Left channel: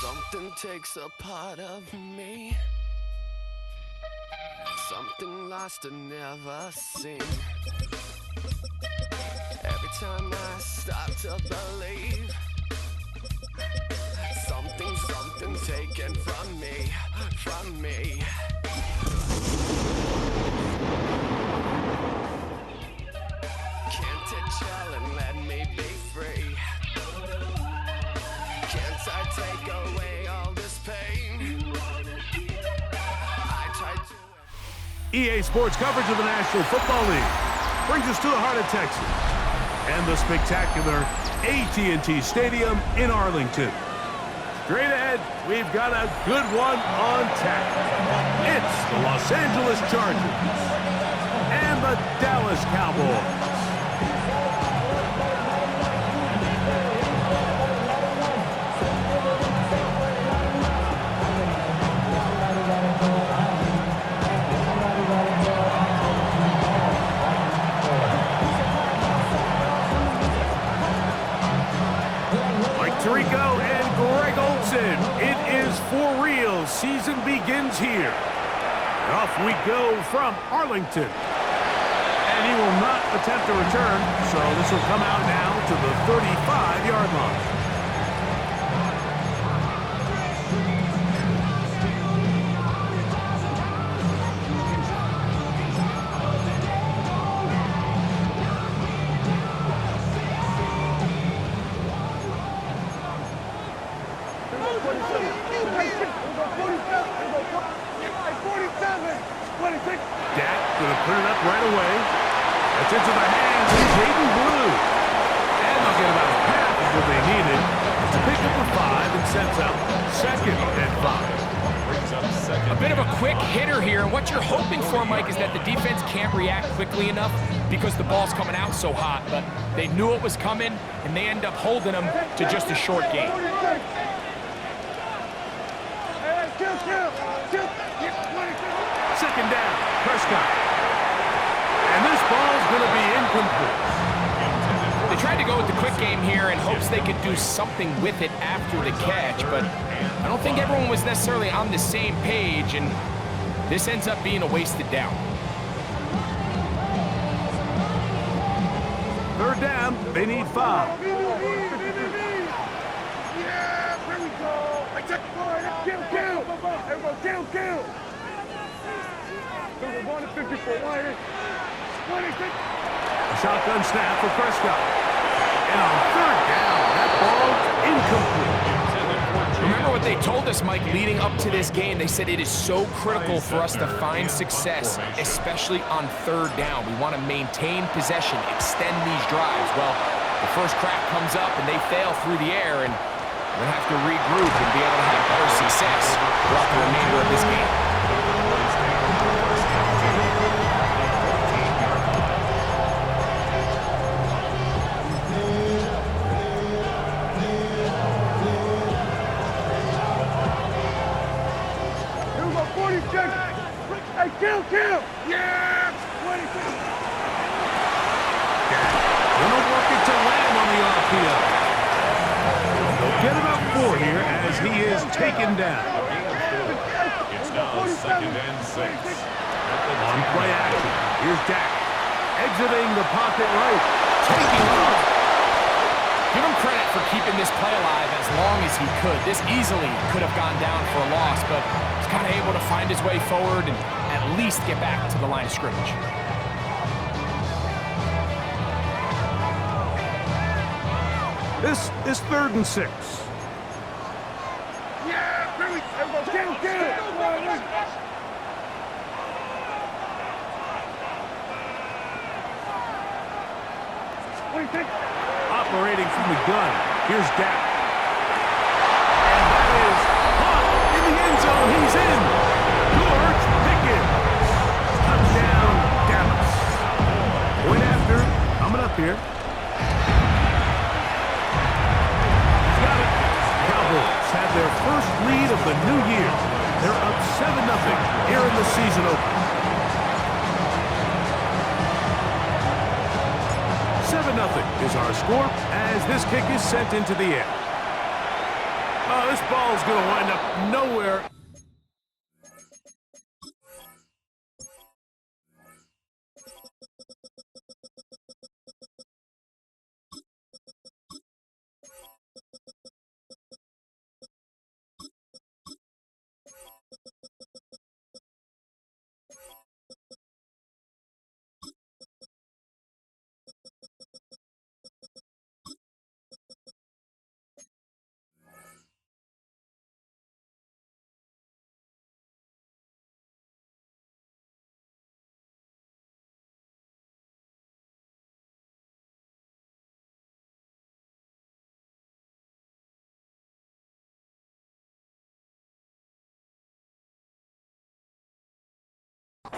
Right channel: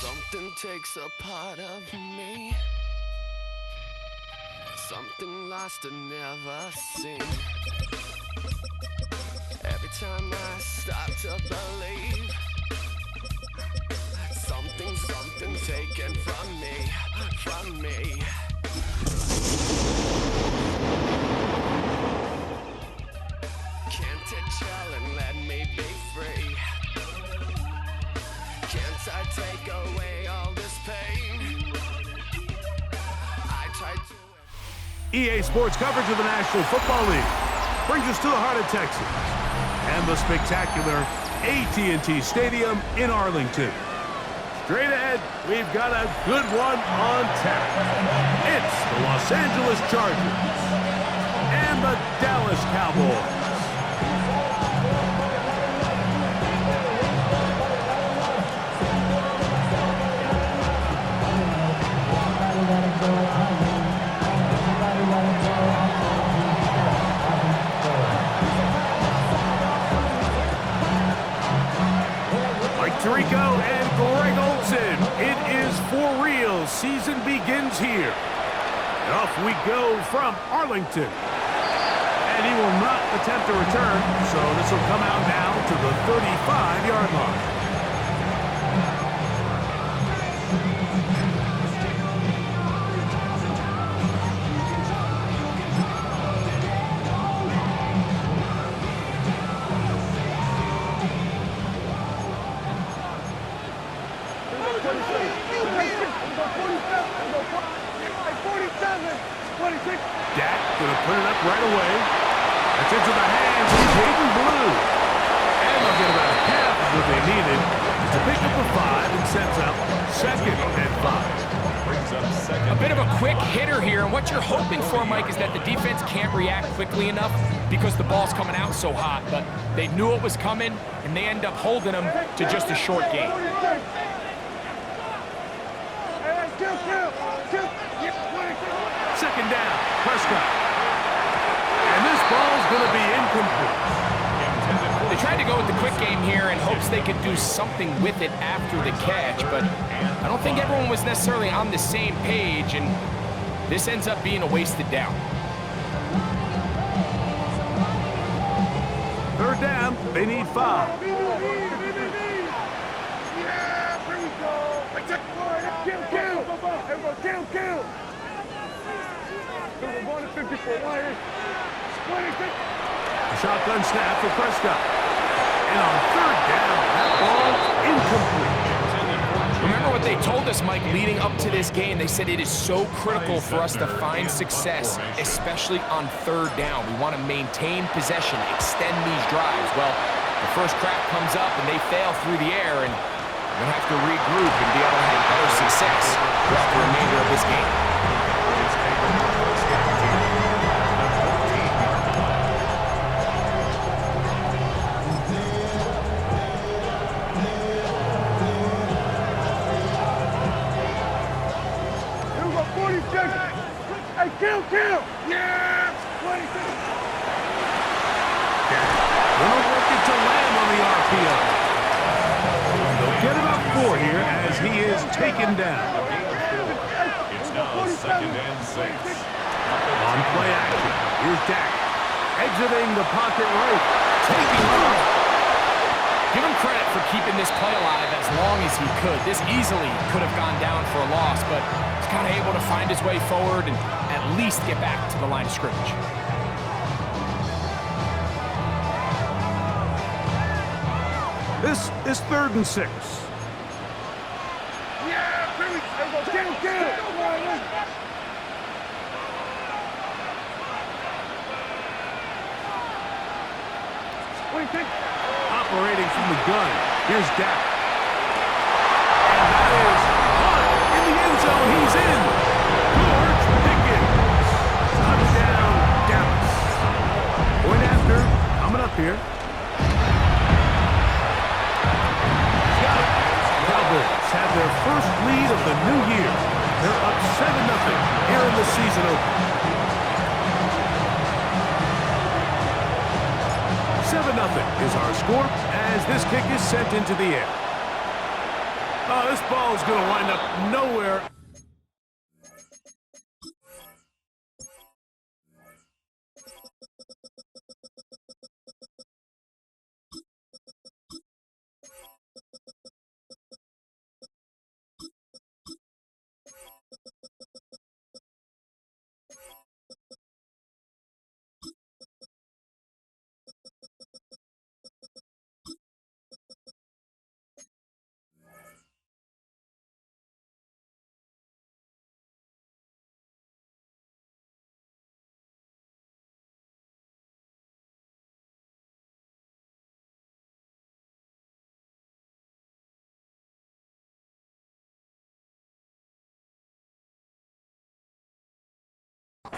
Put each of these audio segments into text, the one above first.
Something takes a part of me, something lost and never seen. Every time I start to believe, something taken from me, from me. Can't it chill and let me be free? Can't I take away all this pain? I tried to... EA Sports coverage of the National Football League brings us to the heart of Texas and the spectacular AT&T Stadium in Arlington. Straight ahead, we've got a good one on tap. It's the Los Angeles Chargers and the Dallas Cowboys. Mike Tirico and Greg Olsen. It is for real. Season begins here. And off we go from Arlington. And he will not attempt a return, so this will come out now to the 35-yard line. Dak going to put it up right away. That's into the hands of Jaden Blue. And they'll get about half of what they needed to pick up a 5 and sets up 2nd and 5. Brings up 2nd. A bit of a quick hitter here, and what you're hoping for, Mike, is that the defense can't react quickly enough because the ball's coming out so hot. But they knew it was coming, and they end up holding them to just a short game. Second down, Prescott. And this ball's going to be incomplete. They tried to go with the quick game here in hopes they could do something with it after the catch, but I don't think everyone was necessarily on the same page, and this ends up being a wasted down. Third down, down. They need 5. Yeah, here we go. Kill. Everyone, kill. We're going to 54. A shotgun snap for Prescott. And on 3rd down, that ball incomplete. Remember what they told us, Mike, leading up to this game. They said it is so critical for us to find success, especially on 3rd down. We want to maintain possession, extend these drives. Well, the first crack comes up and they fail through the air, and we're going to have to regroup and be able to have better success throughout the remainder of this game. Hey, kill! Yeah! 26! Gonna work it to Lamb on the RPO. They'll get about 4 here as he is taken down. It's now 2nd and 6. On play action, here's Dak. Exiting the pocket right, taking off. Give him credit for keeping this play alive as long as he could. This easily could have gone down for a loss, but he's kind of able to find his way forward and at least get back to the line of scrimmage. This is 3rd and 6. Yeah! Here we go. Kill! Operating from the gun, here's Dak. And that is caught in the end zone. He's in. George Pickens. Touchdown, Dallas. Point after, coming up here. He's got it. Cowboys have their first lead of the new year. They're up 7-0 here in the season opener. 7-0 is our score as this kick is sent into the air. Oh, this ball is going to wind up nowhere.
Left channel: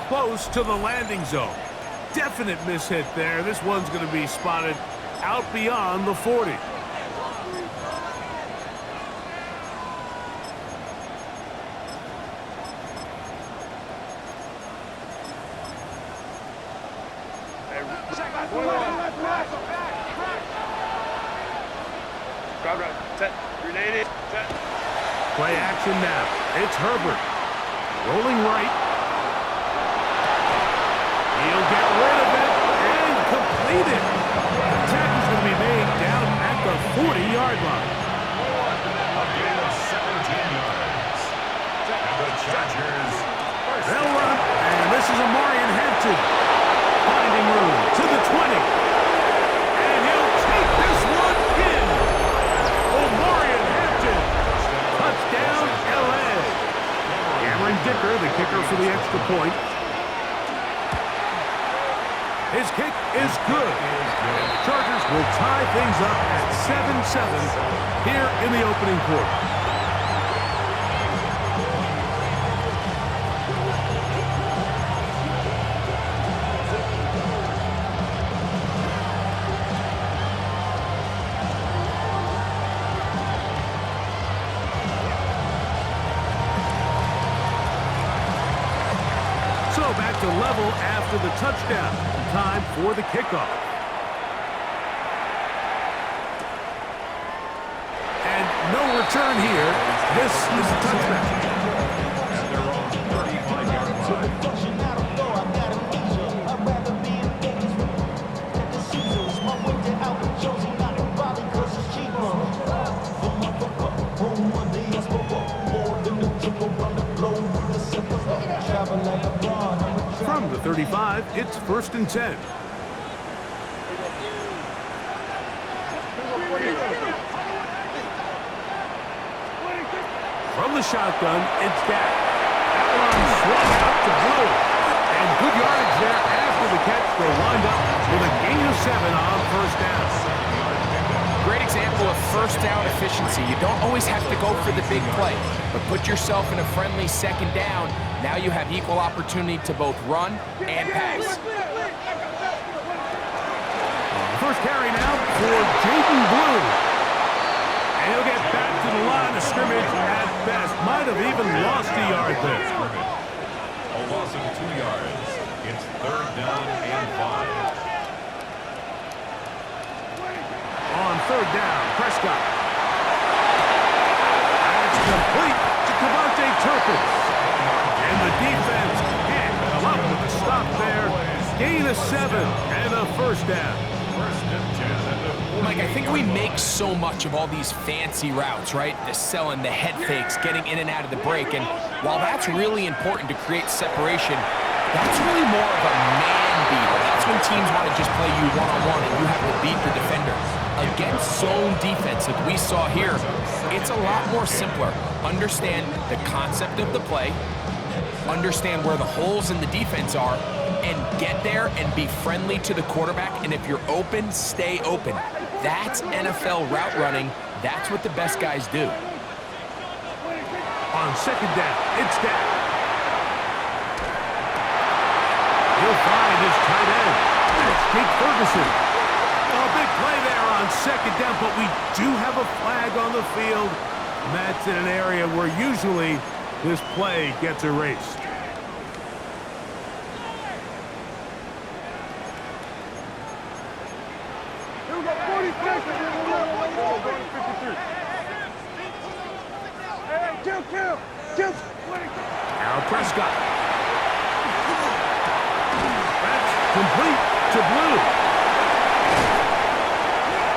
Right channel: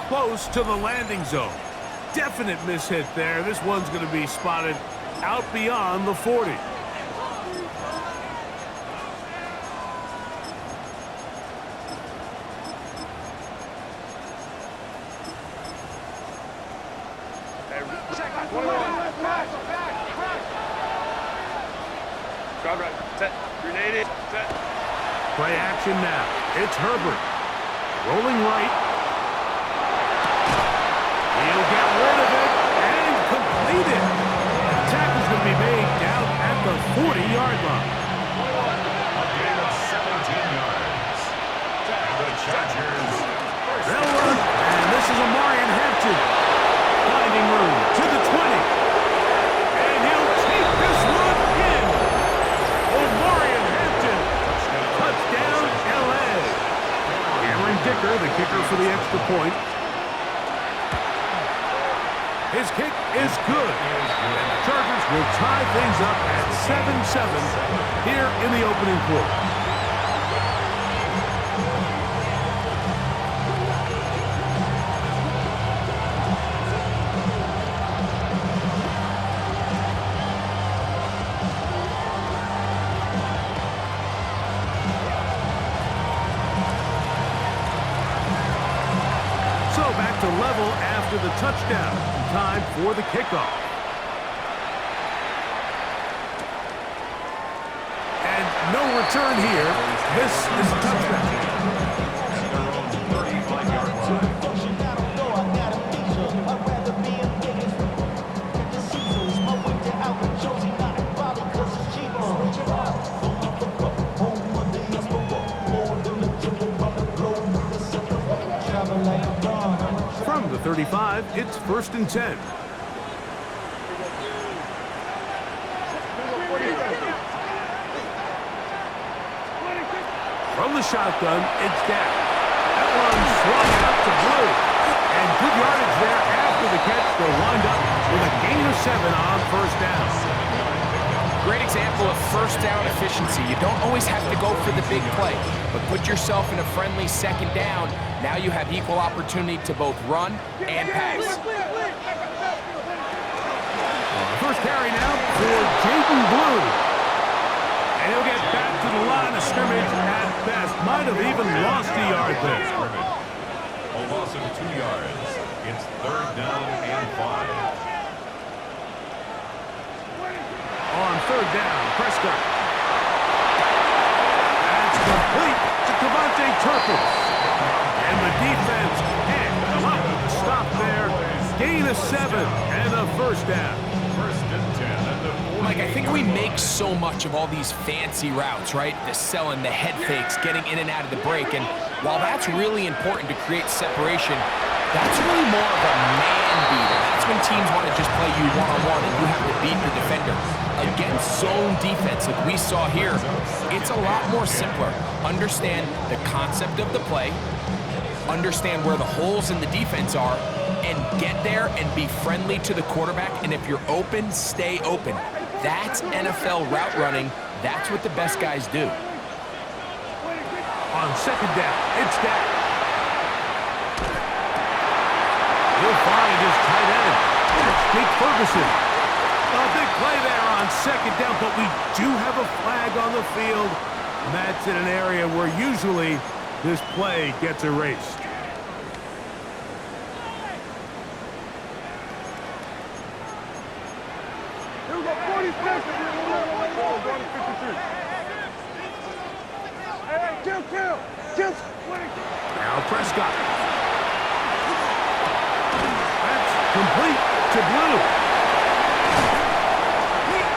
Close to the landing zone. Definite mishit there. This one's going to be spotted out beyond the 40. Drive right. Set. Grenade it. Set. Play action now. It's Herbert. Rolling right. He'll get rid of it and complete it. The tackle's going to be made down at the 40-yard line. A gain of 17 yards. And the Chargers. They'll run, and this is Amarian Hampton. Finding room to the 20. And he'll take this one in. Amarian Hampton. Touchdown, L.A. Cameron Dicker, the kicker for the extra point. His kick is good. And the Chargers will tie things up at 7-7 here in the opening quarter. So back to level after the touchdown. Time for the kickoff. And no return here. This is a touchback. At their own 35-yard line. From the 35, it's 1st and 10. From the shotgun, it's Dak. That one swung out to Blue. And good yardage there after the catch. They'll wind up with a gain of 7 on 1st down. Great example of 1st down efficiency. You don't always have to go for the big play, but put yourself in a friendly 2nd down. Now you have equal opportunity to both run and pass. First carry now for Jaden Blue. And he'll get back to the line of scrimmage at best. Might have even lost a yard there. A loss of 2 yards. It's 3rd down and 5. On 3rd down, Prescott. That's complete to Cavante Turpin. And the defense can't come up with a stop there. Gain of 7 and a 1st down. 1st and 10 at the 48. Mike, I think we make so much of all these fancy routes, right? The selling, the head fakes, getting in and out of the break. And while that's really important to create separation, that's really more of a man beater. That's when teams want to just play you one-on-one and you have to beat the defender. Against zone defense like we saw here, it's a lot more simpler. Understand the concept of the play, understand where the holes in the defense are, and get there and be friendly to the quarterback. And if you're open, stay open. That's NFL route running. That's what the best guys do. On 2nd down, it's Dak. He'll find his tight end. That's Jake Ferguson. A big play there on 2nd down, but we do have a flag on the field. And that's in an area where usually this play gets erased. Here we go, 40 seconds. Going to 53. Hey, kill. Now Prescott. That's complete to Blue.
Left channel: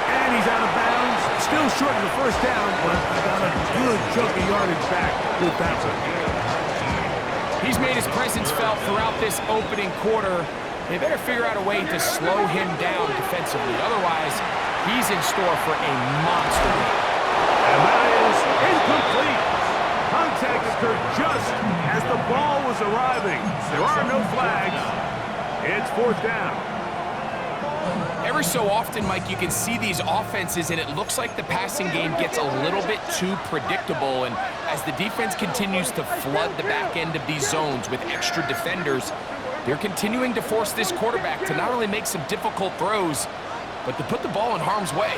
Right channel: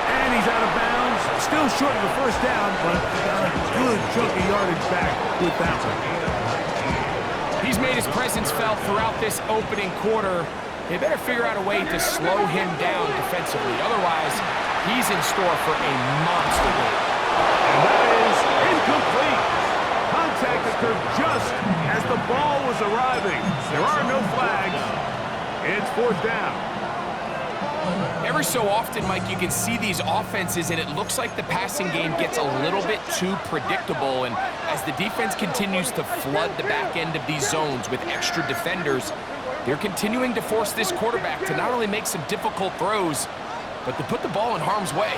And he's out of bounds. Still short of the 1st down, but he got a good chunk of yardage back with that one. He's made his presence felt throughout this opening quarter. They better figure out a way to slow him down defensively. Otherwise, he's in store for a monster game. And that is incomplete. Contact occurred just as the ball was arriving. There are no flags. It's 4th down. Every so often, Mike, you can see these offenses, and it looks like the passing game gets a little bit too predictable. And as the defense continues to flood the back end of these zones with extra defenders, they're continuing to force this quarterback to not only make some difficult throws, but to put the ball in harm's way.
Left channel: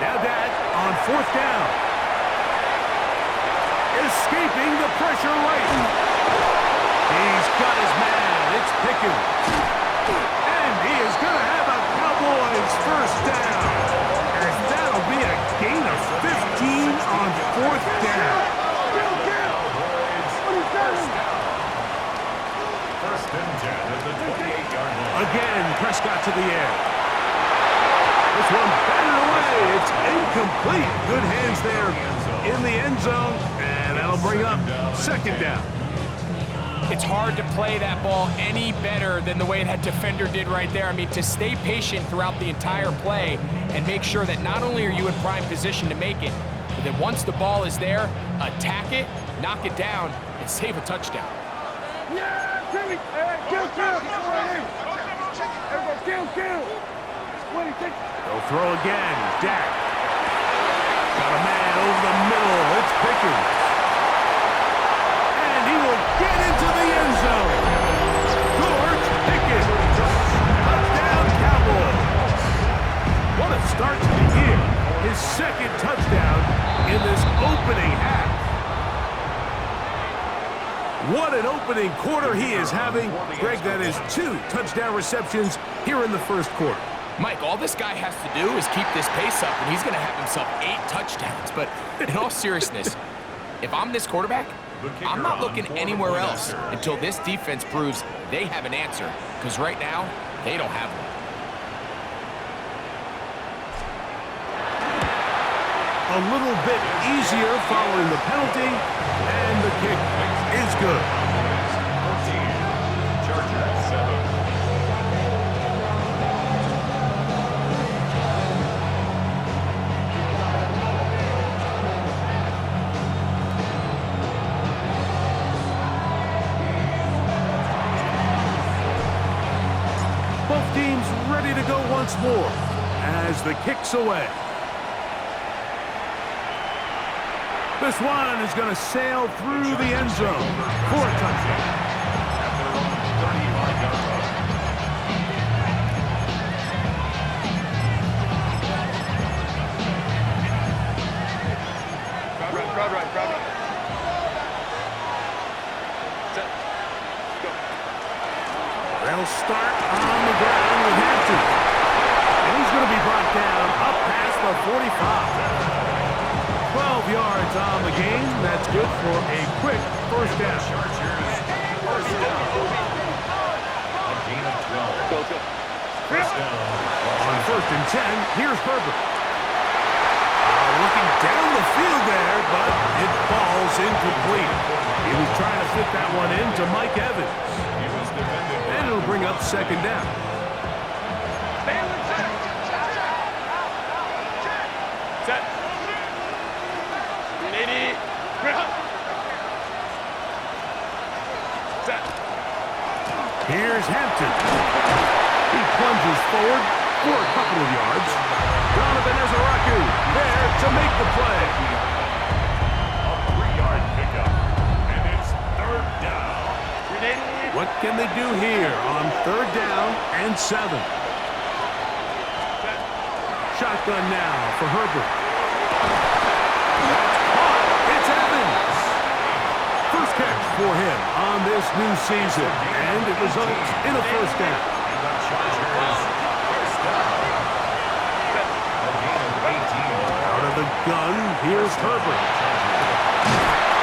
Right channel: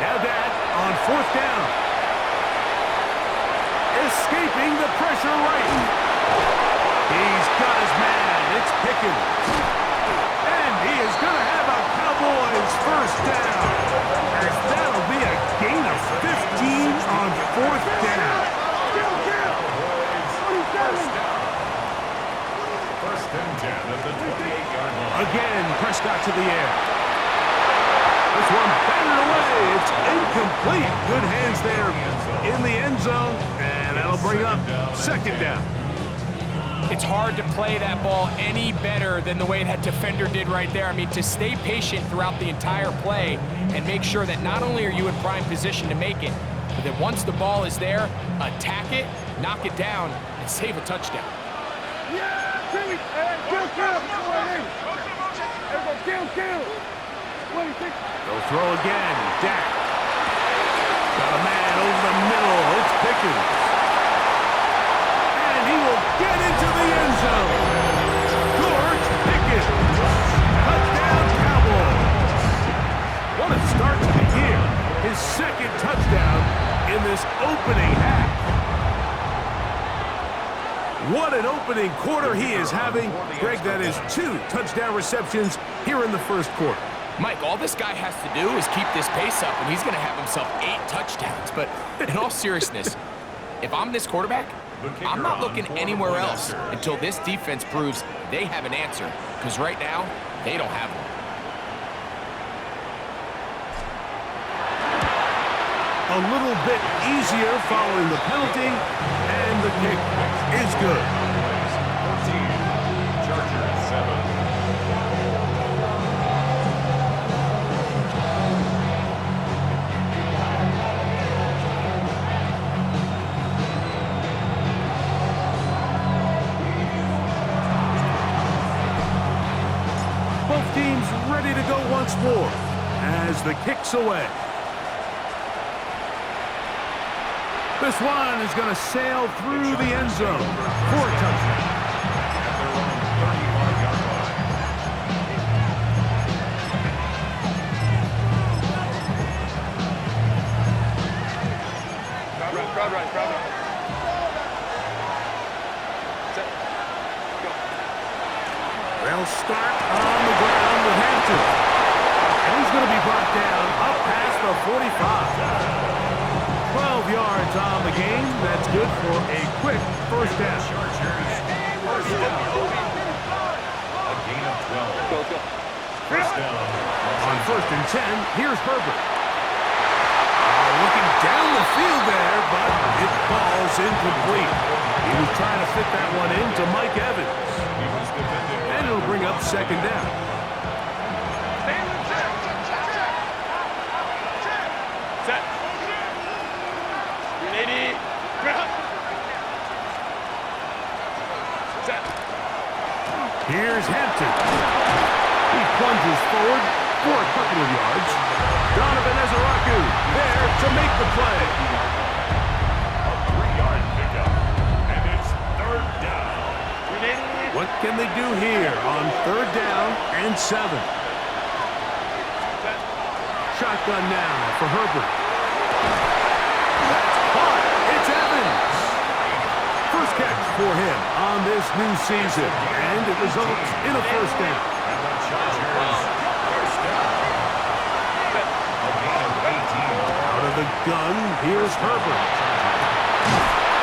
Now Dak on 4th down. Escaping the pressure right. He's got his man. It's Pickens. And he is going to have a Cowboys 1st down. As that'll be a gain of 15 on 4th down. First and 10 at the 28-yard line. Again, Prescott to the air. This one batted away. It's incomplete. Good hands there in the end zone. And that'll bring up 2nd down. It's hard to play that ball any better than the way that defender did right there. I mean, to stay patient throughout the entire play and make sure that not only are you in prime position to make it, but that once the ball is there, attack it, knock it down, and save a touchdown. Yeah, kill. They'll throw again. Dak. Got a man over the middle. It's Pickens. And he will get into the end zone. George Pickens. Touchdown, Cowboys. What a start to the year. His 2nd touchdown in this opening half. What an opening quarter he is having. Greg, that is 2 touchdown receptions here in the 1st quarter. Mike, all this guy has to do is keep this pace up, and he's going to have himself 8 touchdowns. But in all seriousness, if I'm this quarterback, I'm not looking anywhere else until this defense proves they have an answer, because right now, they don't have one. a little bit easier following the penalty, and the kick is good. Cowboys 14, Chargers 7. Both teams ready to go once more as the kick's away. This one is going to sail through the end zone for a touchdown. At their own 35-yard line. Crowd right. Set. Go. They'll start on the ground with Hampton. And he's going to be brought down up past the 45. 12 yards on the game. That's good for a quick first down. Chargers first down. A gain of 12. Go, let's go. First down. On 1st and 10, here's Herbert. Looking down the field there, but it falls incomplete. He was trying to fit that one into Mike Evans. He was defended. And it'll bring up second down. Set. 380. Set. Here's Hampton. He plunges forward for a couple of yards. Donovan Ezeraku there to make the play. A 3-yard pickup. And it's third down. 380. What can they do here on 3rd down and 7? Set. Shotgun now for Herbert. That's caught. It's Evans. First catch for him on this new season, and it results in a first down. And the Chargers first down. A gain of 18. Out of the gun, here's Herbert.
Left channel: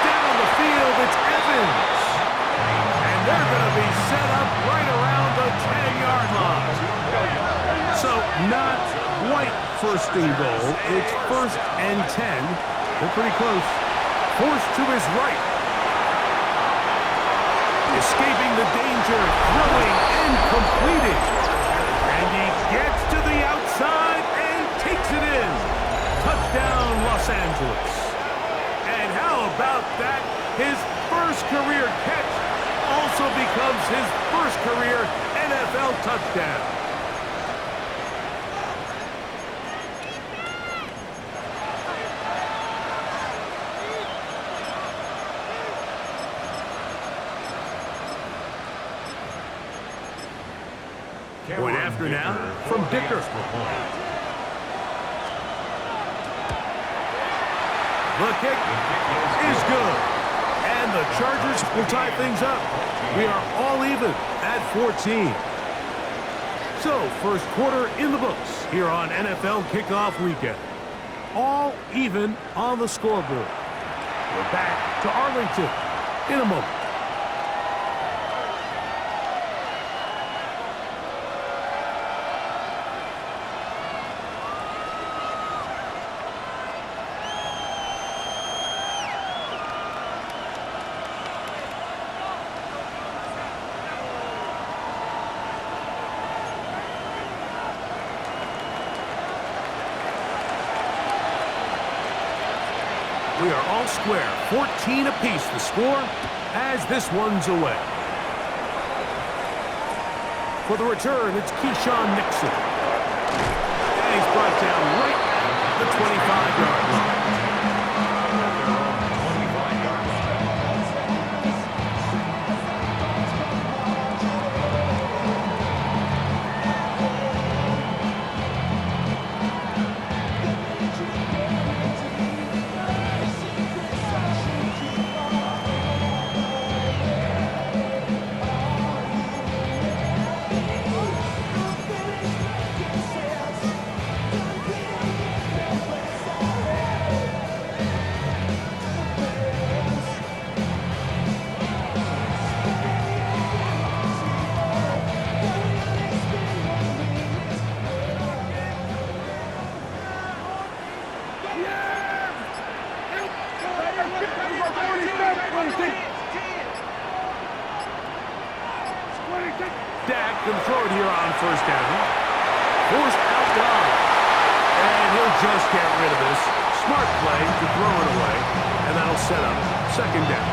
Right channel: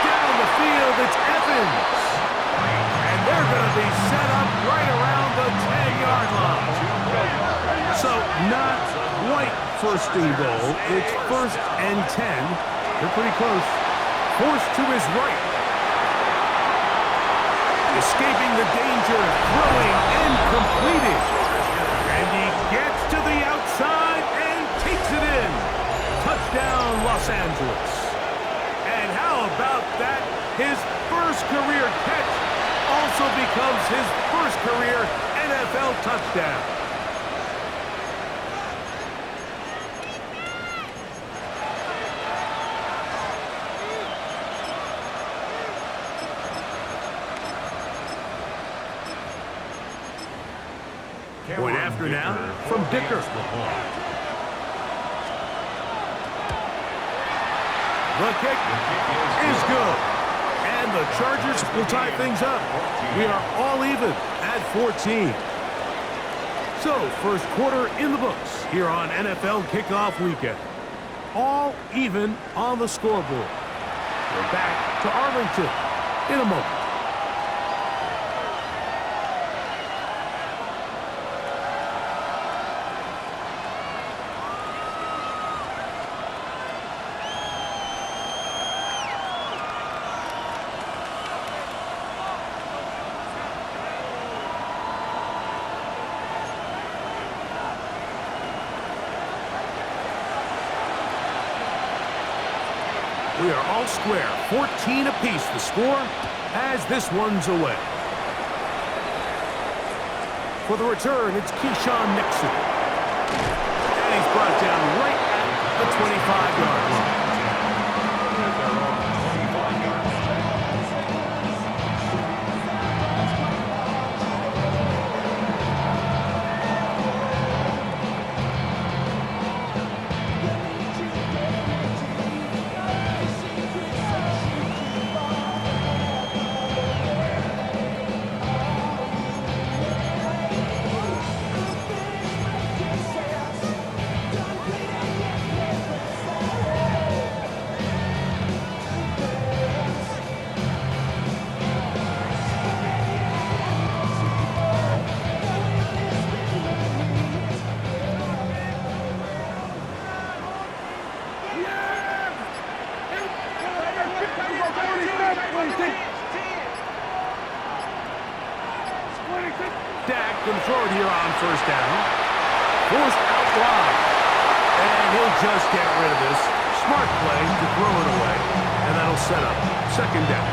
Down the field, it's Evans. And they're going to be set up right around the 10-yard line. So not quite first and goal. It's 1st and 10. They're pretty close. Forced to his right. Escaping the danger, throwing and completing. And he gets to the outside and takes it in. Touchdown, Los Angeles. And how about that? His first career catch also becomes his first career NFL touchdown. Point after now from Dicker. The kick is good. And the Chargers will tie things up. We are all even at 14. So, first quarter in the books here on NFL Kickoff Weekend. All even on the scoreboard. We're back to Arlington in a moment. We are all square, 14 apiece the score as this one's away. For the return, it's Keyshawn Nixon. And he's brought down right at the 25-yard line. At their own 25-yard line. Dak can throw it here on first down. Forced out wide. And he'll just get rid of this. Smart play to throw it away. And that'll set up second down.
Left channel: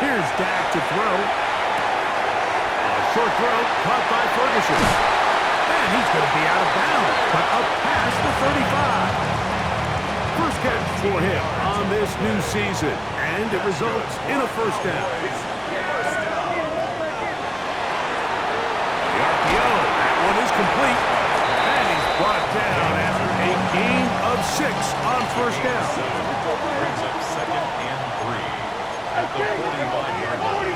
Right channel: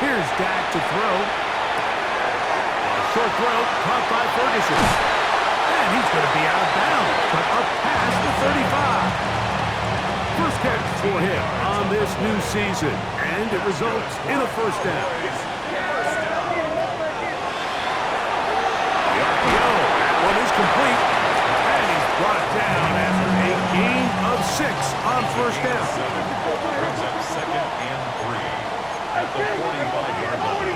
Here's Dak to throw. A short throw caught by Ferguson. And he's going to be out of bounds, but up past the 35. First catch for him on this new season, and it results in a first down. The RPO, that one is complete. And he's brought down after a gain of 6 on first down. Brings up second and 3 at the 45-yard line.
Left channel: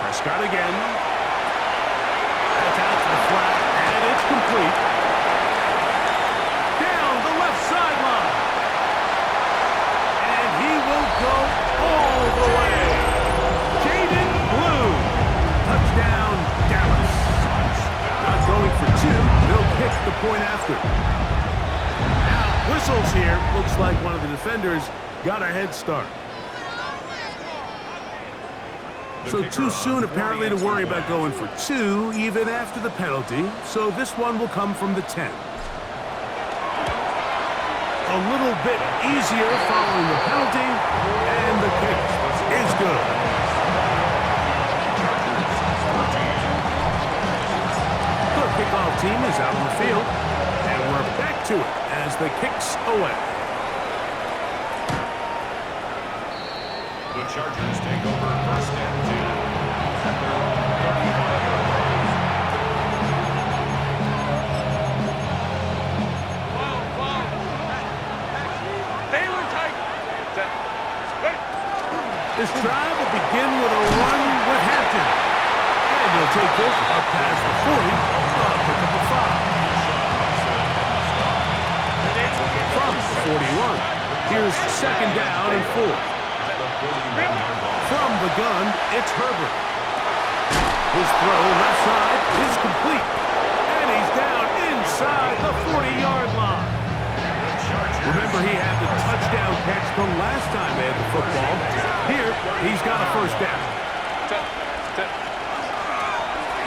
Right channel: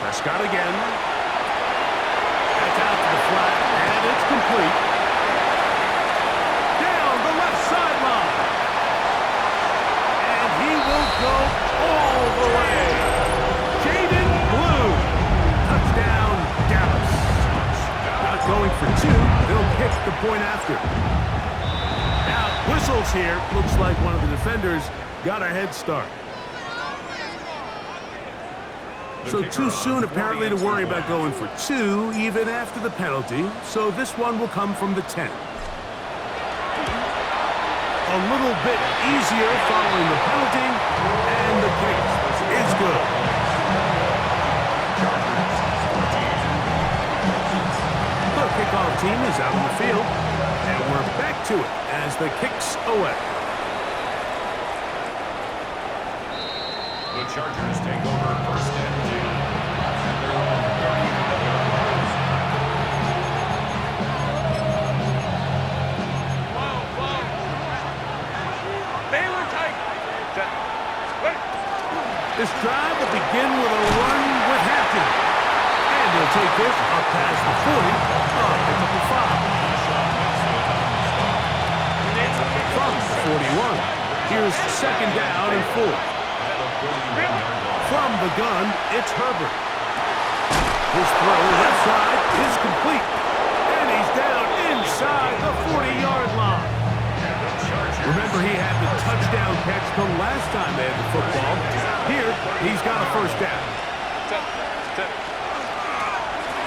Prescott again. That's out to the flat, and it's complete. Down the left sideline. And he will go all the way. Jaden Blue. Touchdown, Dallas. Not going for 2. They'll kick the point after. Now, whistles here. Looks like one of the defenders got a head start. So too soon, apparently, to worry about going for 2, even after the penalty. So this one will come from the 10. A little bit easier following the penalty, and the kick is good. The kickoff team is out on the field, and we're back to it as the kick's away. The Chargers take over first and 10 at their own 35-yard line. This drive will begin with a run with Hampton. And he'll take this up past the 40, pick up a 5. From the 41, here's second down and 4. From the gun, it's Herbert. His throw left side is complete. And he's down inside the 40-yard line. Remember, he had the touchdown catch the last time they had the football. Here, he's got a first down.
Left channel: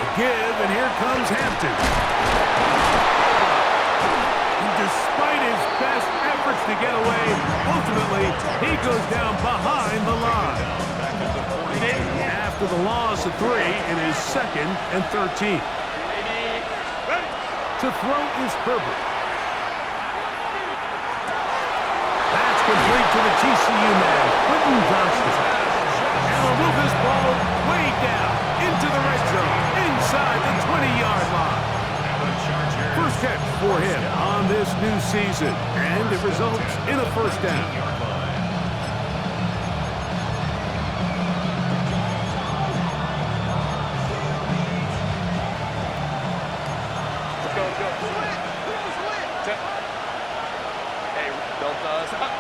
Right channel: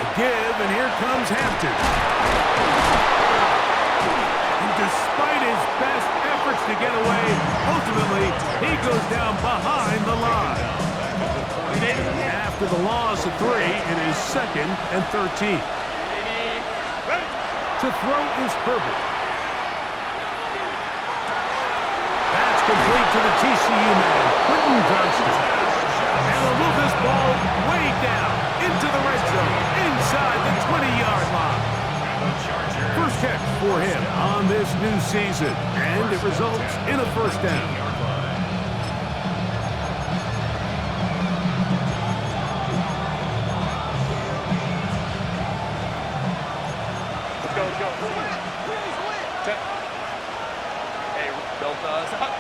A give, and here comes Hampton. And despite his best efforts to get away, ultimately, he goes down behind the line. After the loss of 3, it is second and 13. To throw is Herbert. That's complete to the TCU man, Quentin Johnston. And they'll move this ball way down into the red zone, inside the 20-yard line. First catch for him on this new season, and it results in a first down. Let's go. Hey, built us up.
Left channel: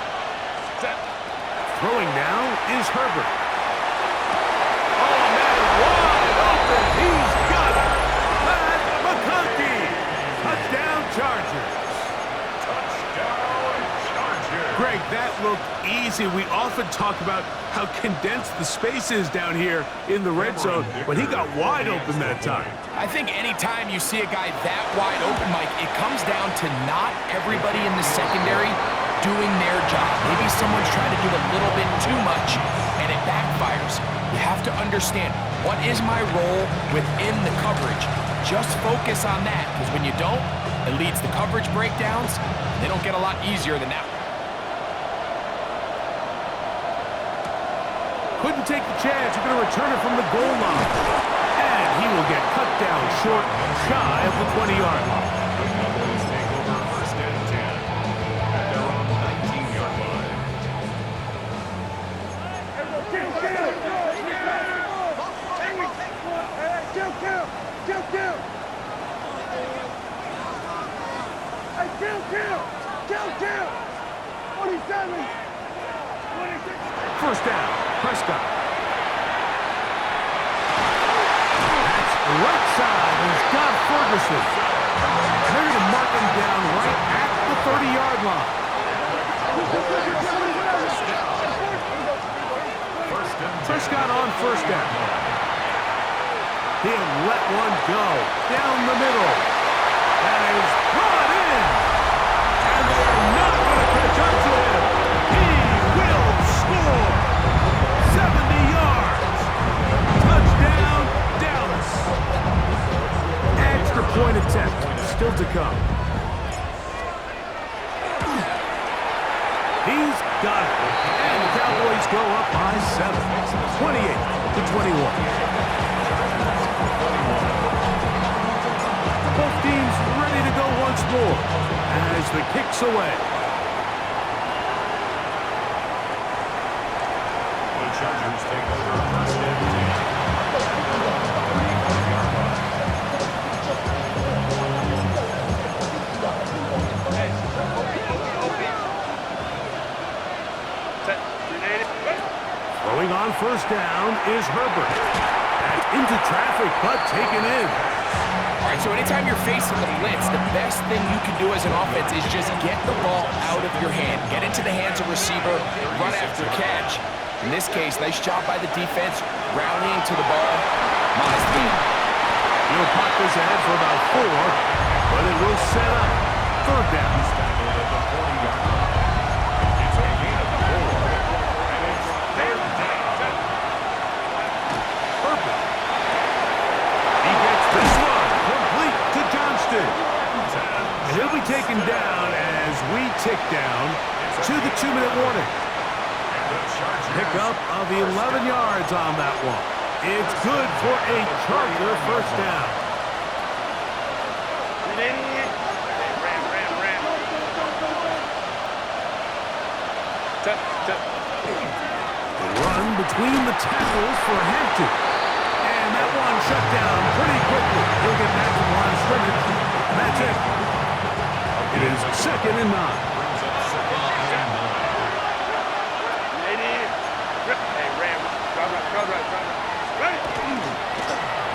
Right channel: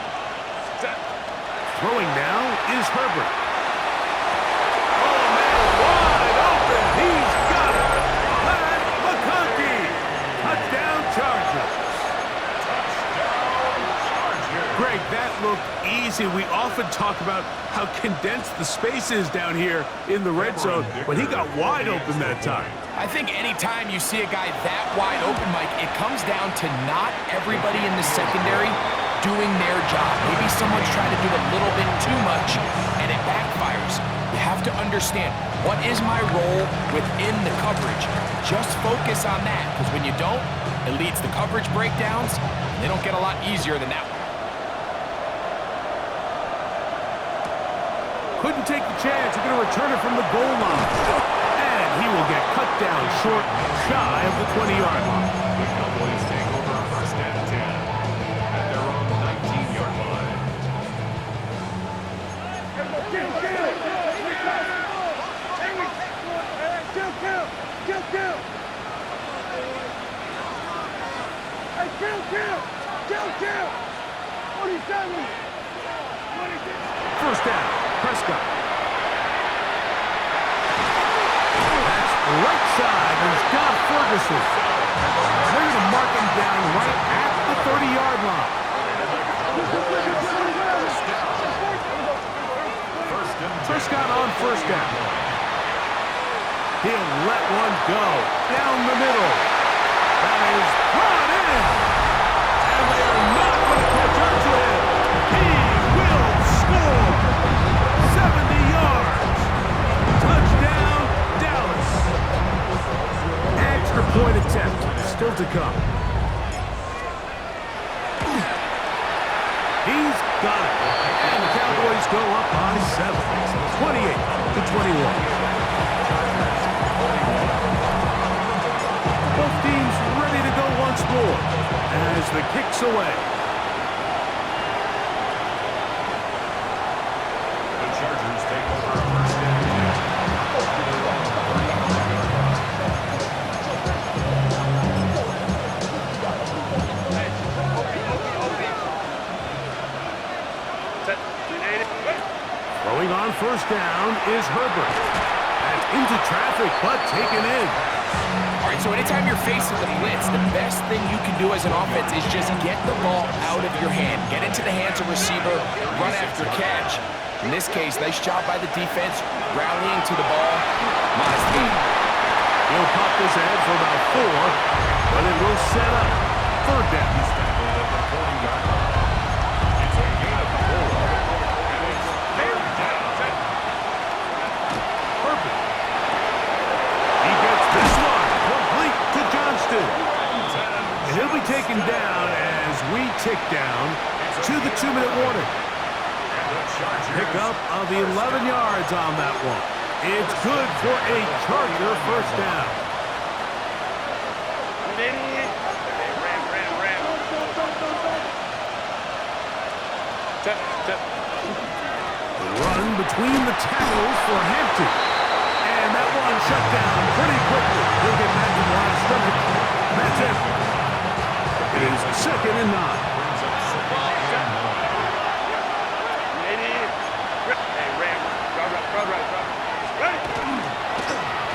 Throwing now is Herbert. Oh, man, wide open. He's got it. Pat McConkey. Touchdown Chargers. Touchdown Chargers. Greg, that looked easy. We often talk about how condensed the space is down here in the red zone, but he got wide open that time. I think anytime you see a guy that wide open, Mike, it comes down to not everybody in the secondary doing their job. Maybe someone's trying to do a little bit too much, and it backfires. You have to understand, what is my role within the coverage? Just focus on that, because when you don't, it leads to coverage breakdowns, and they don't get a lot easier than that one. Couldn't take the chance. You're going to return it from the goal line. And he will get cut down short, shy of the 20-yard line. The Cowboys take over first and 10 at their own 19-yard line. Kill! 47! First down, Prescott. That's right side. He's got Ferguson. And they're going to mark him down right at the 30-yard line. Prescott on first down. He'll let one go down the middle. That is brought in. And they are not going to catch up to him. He will score. 70 yards. Touchdown, Dallas. Extra point attempt still to come. He's got it. And the Cowboys go up by 7. 28-21. Both teams ready to go once more as the kick's away. The Chargers take over first and 10 at their own 35-yard line. Throwing on first down is Herbert. That's into traffic, but taken in. All right, so anytime you're facing the blitz, the best thing you can do as an offense is just get the ball out of your hand. Get into the hands of receiver, run after catch. In this case, nice job by the defense, rallying to the ball. Modest gain. He'll pop this ahead for about 4, but it will set up third down. He's tackled at the 40-yard line. It's a gain of 4, and it's third down. Herbert. He gets this one complete to Johnston. And he'll be taken down as we tick down to the 2-minute warning. Pickup of 11 yards on that one. It's good for a Charger first down. Run between the tackles for Hampton. And that one shut down pretty quickly. He'll get back to the line of scrimmage. And that's it. It is 2nd and 9. Brings up 2nd and 9.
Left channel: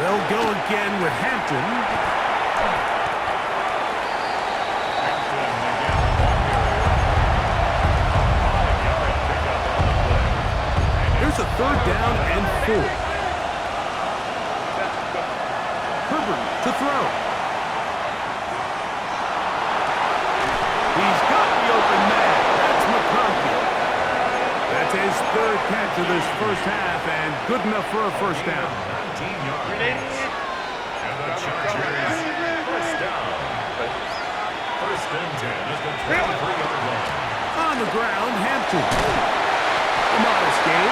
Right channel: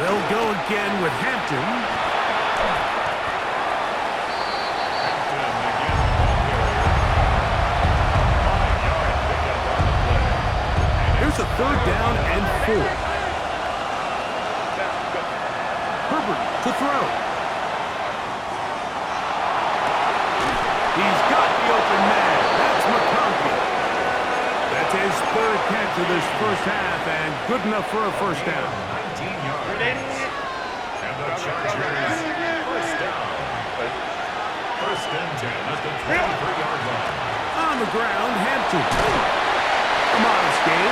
They'll go again with Hampton. Hampton again, the ball carrier. A 5-yard pickup on the play. Here's a third down and 4. Herbert to throw. He's got the open man. That's McConkey. That's his 3rd catch of this first half, and good enough for a first down. 19 yards. And the Chargers first down. First and 10 at the 23-yard line. On the ground, Hampton. A modest gain.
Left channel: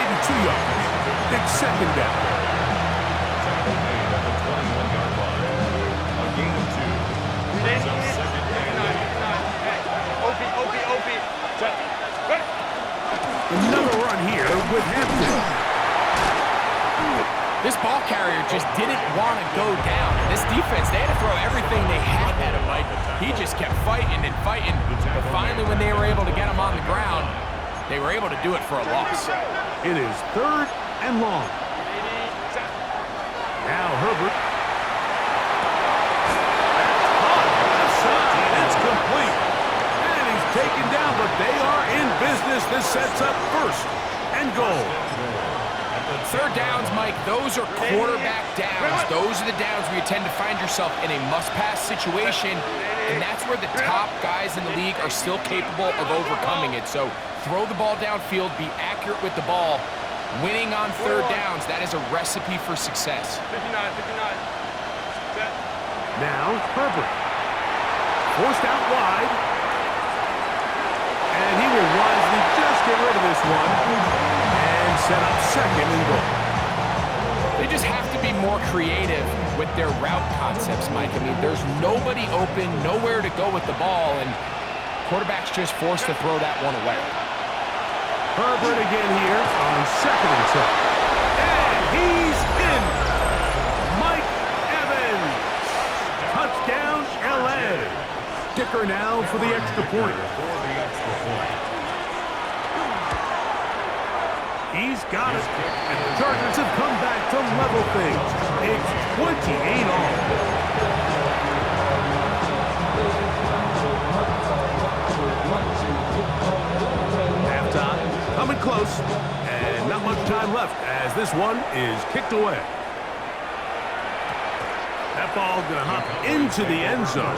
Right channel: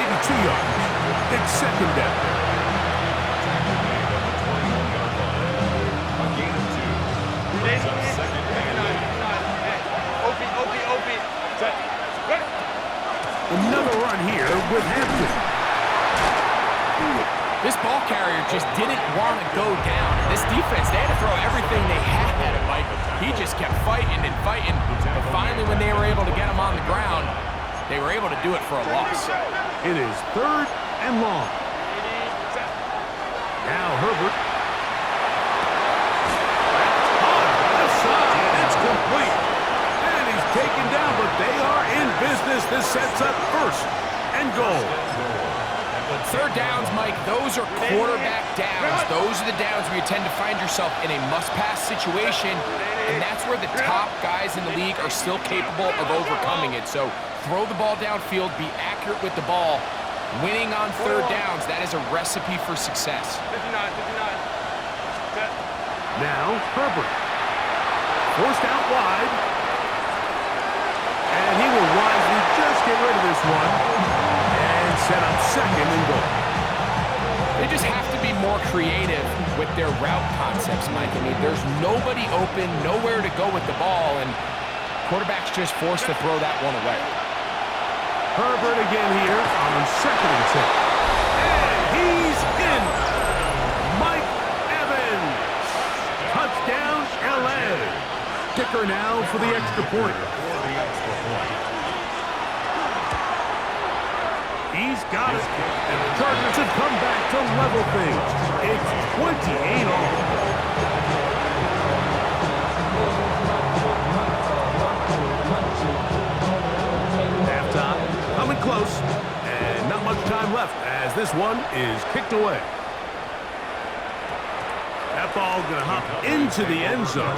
Maybe 2 yards. It's 2nd down. Tackle made at the 21-yard line. A gain of 2. Brings up 2nd and 8. Another run here with Hampton. This ball carrier just didn't want to go down. And this defense, they had to throw everything they had at him, Mike. He just kept fighting and fighting. But finally, when they were able to get him on the ground, they were able to do it for a loss. It is 3rd and long. Now Herbert. That's caught. Left side. It's complete. And he's taken down, but they are in business. This sets up 1st and goal. Third downs, Mike, those are quarterback downs. Those are the downs where you tend to find yourself in a must-pass situation, and that's where the top guys in the league are still capable of overcoming it. So throw the ball downfield, be accurate with the ball. Winning on third downs, that is a recipe for success. 59. Now Herbert. Forced out wide. And he will wisely just get rid of this one and set up 2nd and goal. They just have to be more creative with their route concepts, Mike. I mean, there's nobody open, nowhere to go with the ball, and quarterback's just forced to throw that one away. Herbert again here on 2nd and 10. And he's in. Mike Evans. Touchdown, L.A. Kicker now for the extra point. He's got it. And the Chargers have come back to level things. It's 28 all. Halftime, coming close, and not much time left as this one is kicked away. That ball going to hop into the end zone.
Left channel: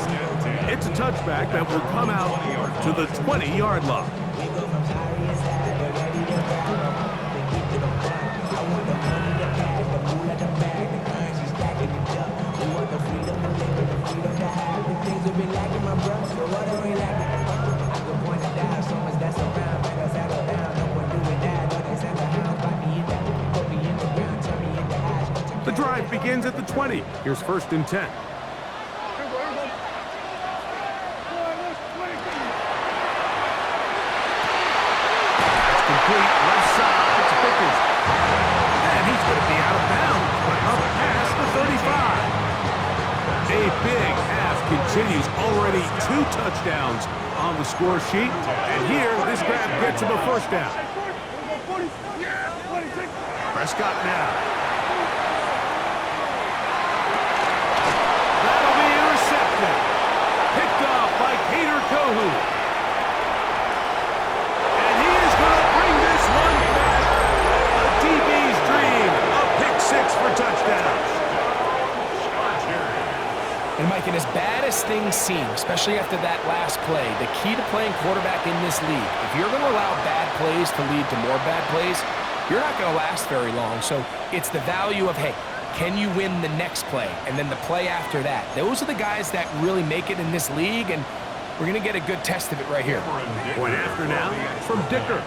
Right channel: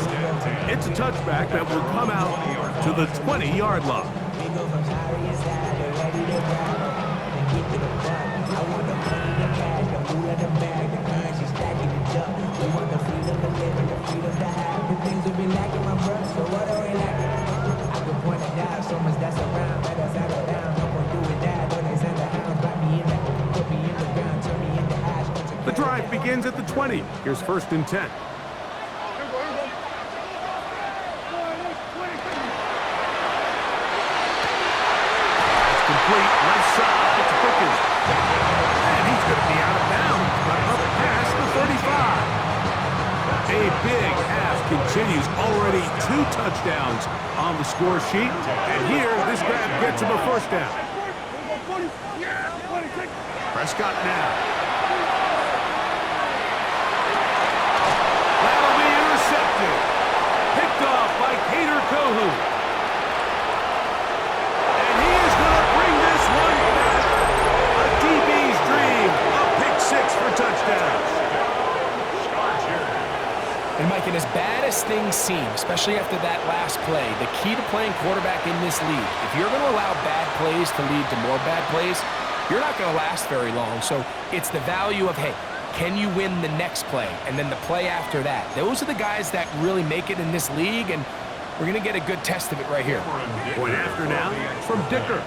It's a touchback that will come out to the 20-yard line. We go from sorry inside to ready to grab them. To get to the front. I want the money, the cash, the fool at the bag, the currency stacking it up. We want the freedom to live and the freedom to have. The things we've been lacking, my bruh. So what are we lacking? I could point it down, so much that's around. Better settle down, no point doing that. Though they send the hounds, bite me in that. Put me in the ground, turn me into ash. The drive begins at the 20. Here's 1st and 10. Complete left side to Pickens. And he's going to be out of bounds, but up past the 35. A big half continues. Already 2 touchdowns on the score sheet. And here, this grab gets him a 1st down. Prescott now. That'll be intercepted. Picked off by Cater Kohu. Bring this one back. A DB's dream. A pick 6 for touchdowns. And Mike, and as bad as things seem, especially after that last play, the key to playing quarterback in this league, if you're going to allow bad plays to lead to more bad plays, you're not going to last very long. So it's the value of, hey, can you win the next play? And then the play after that. Those are the guys that really make it in this league, and we're going to get a good test of it right here. Point after now from Dicker.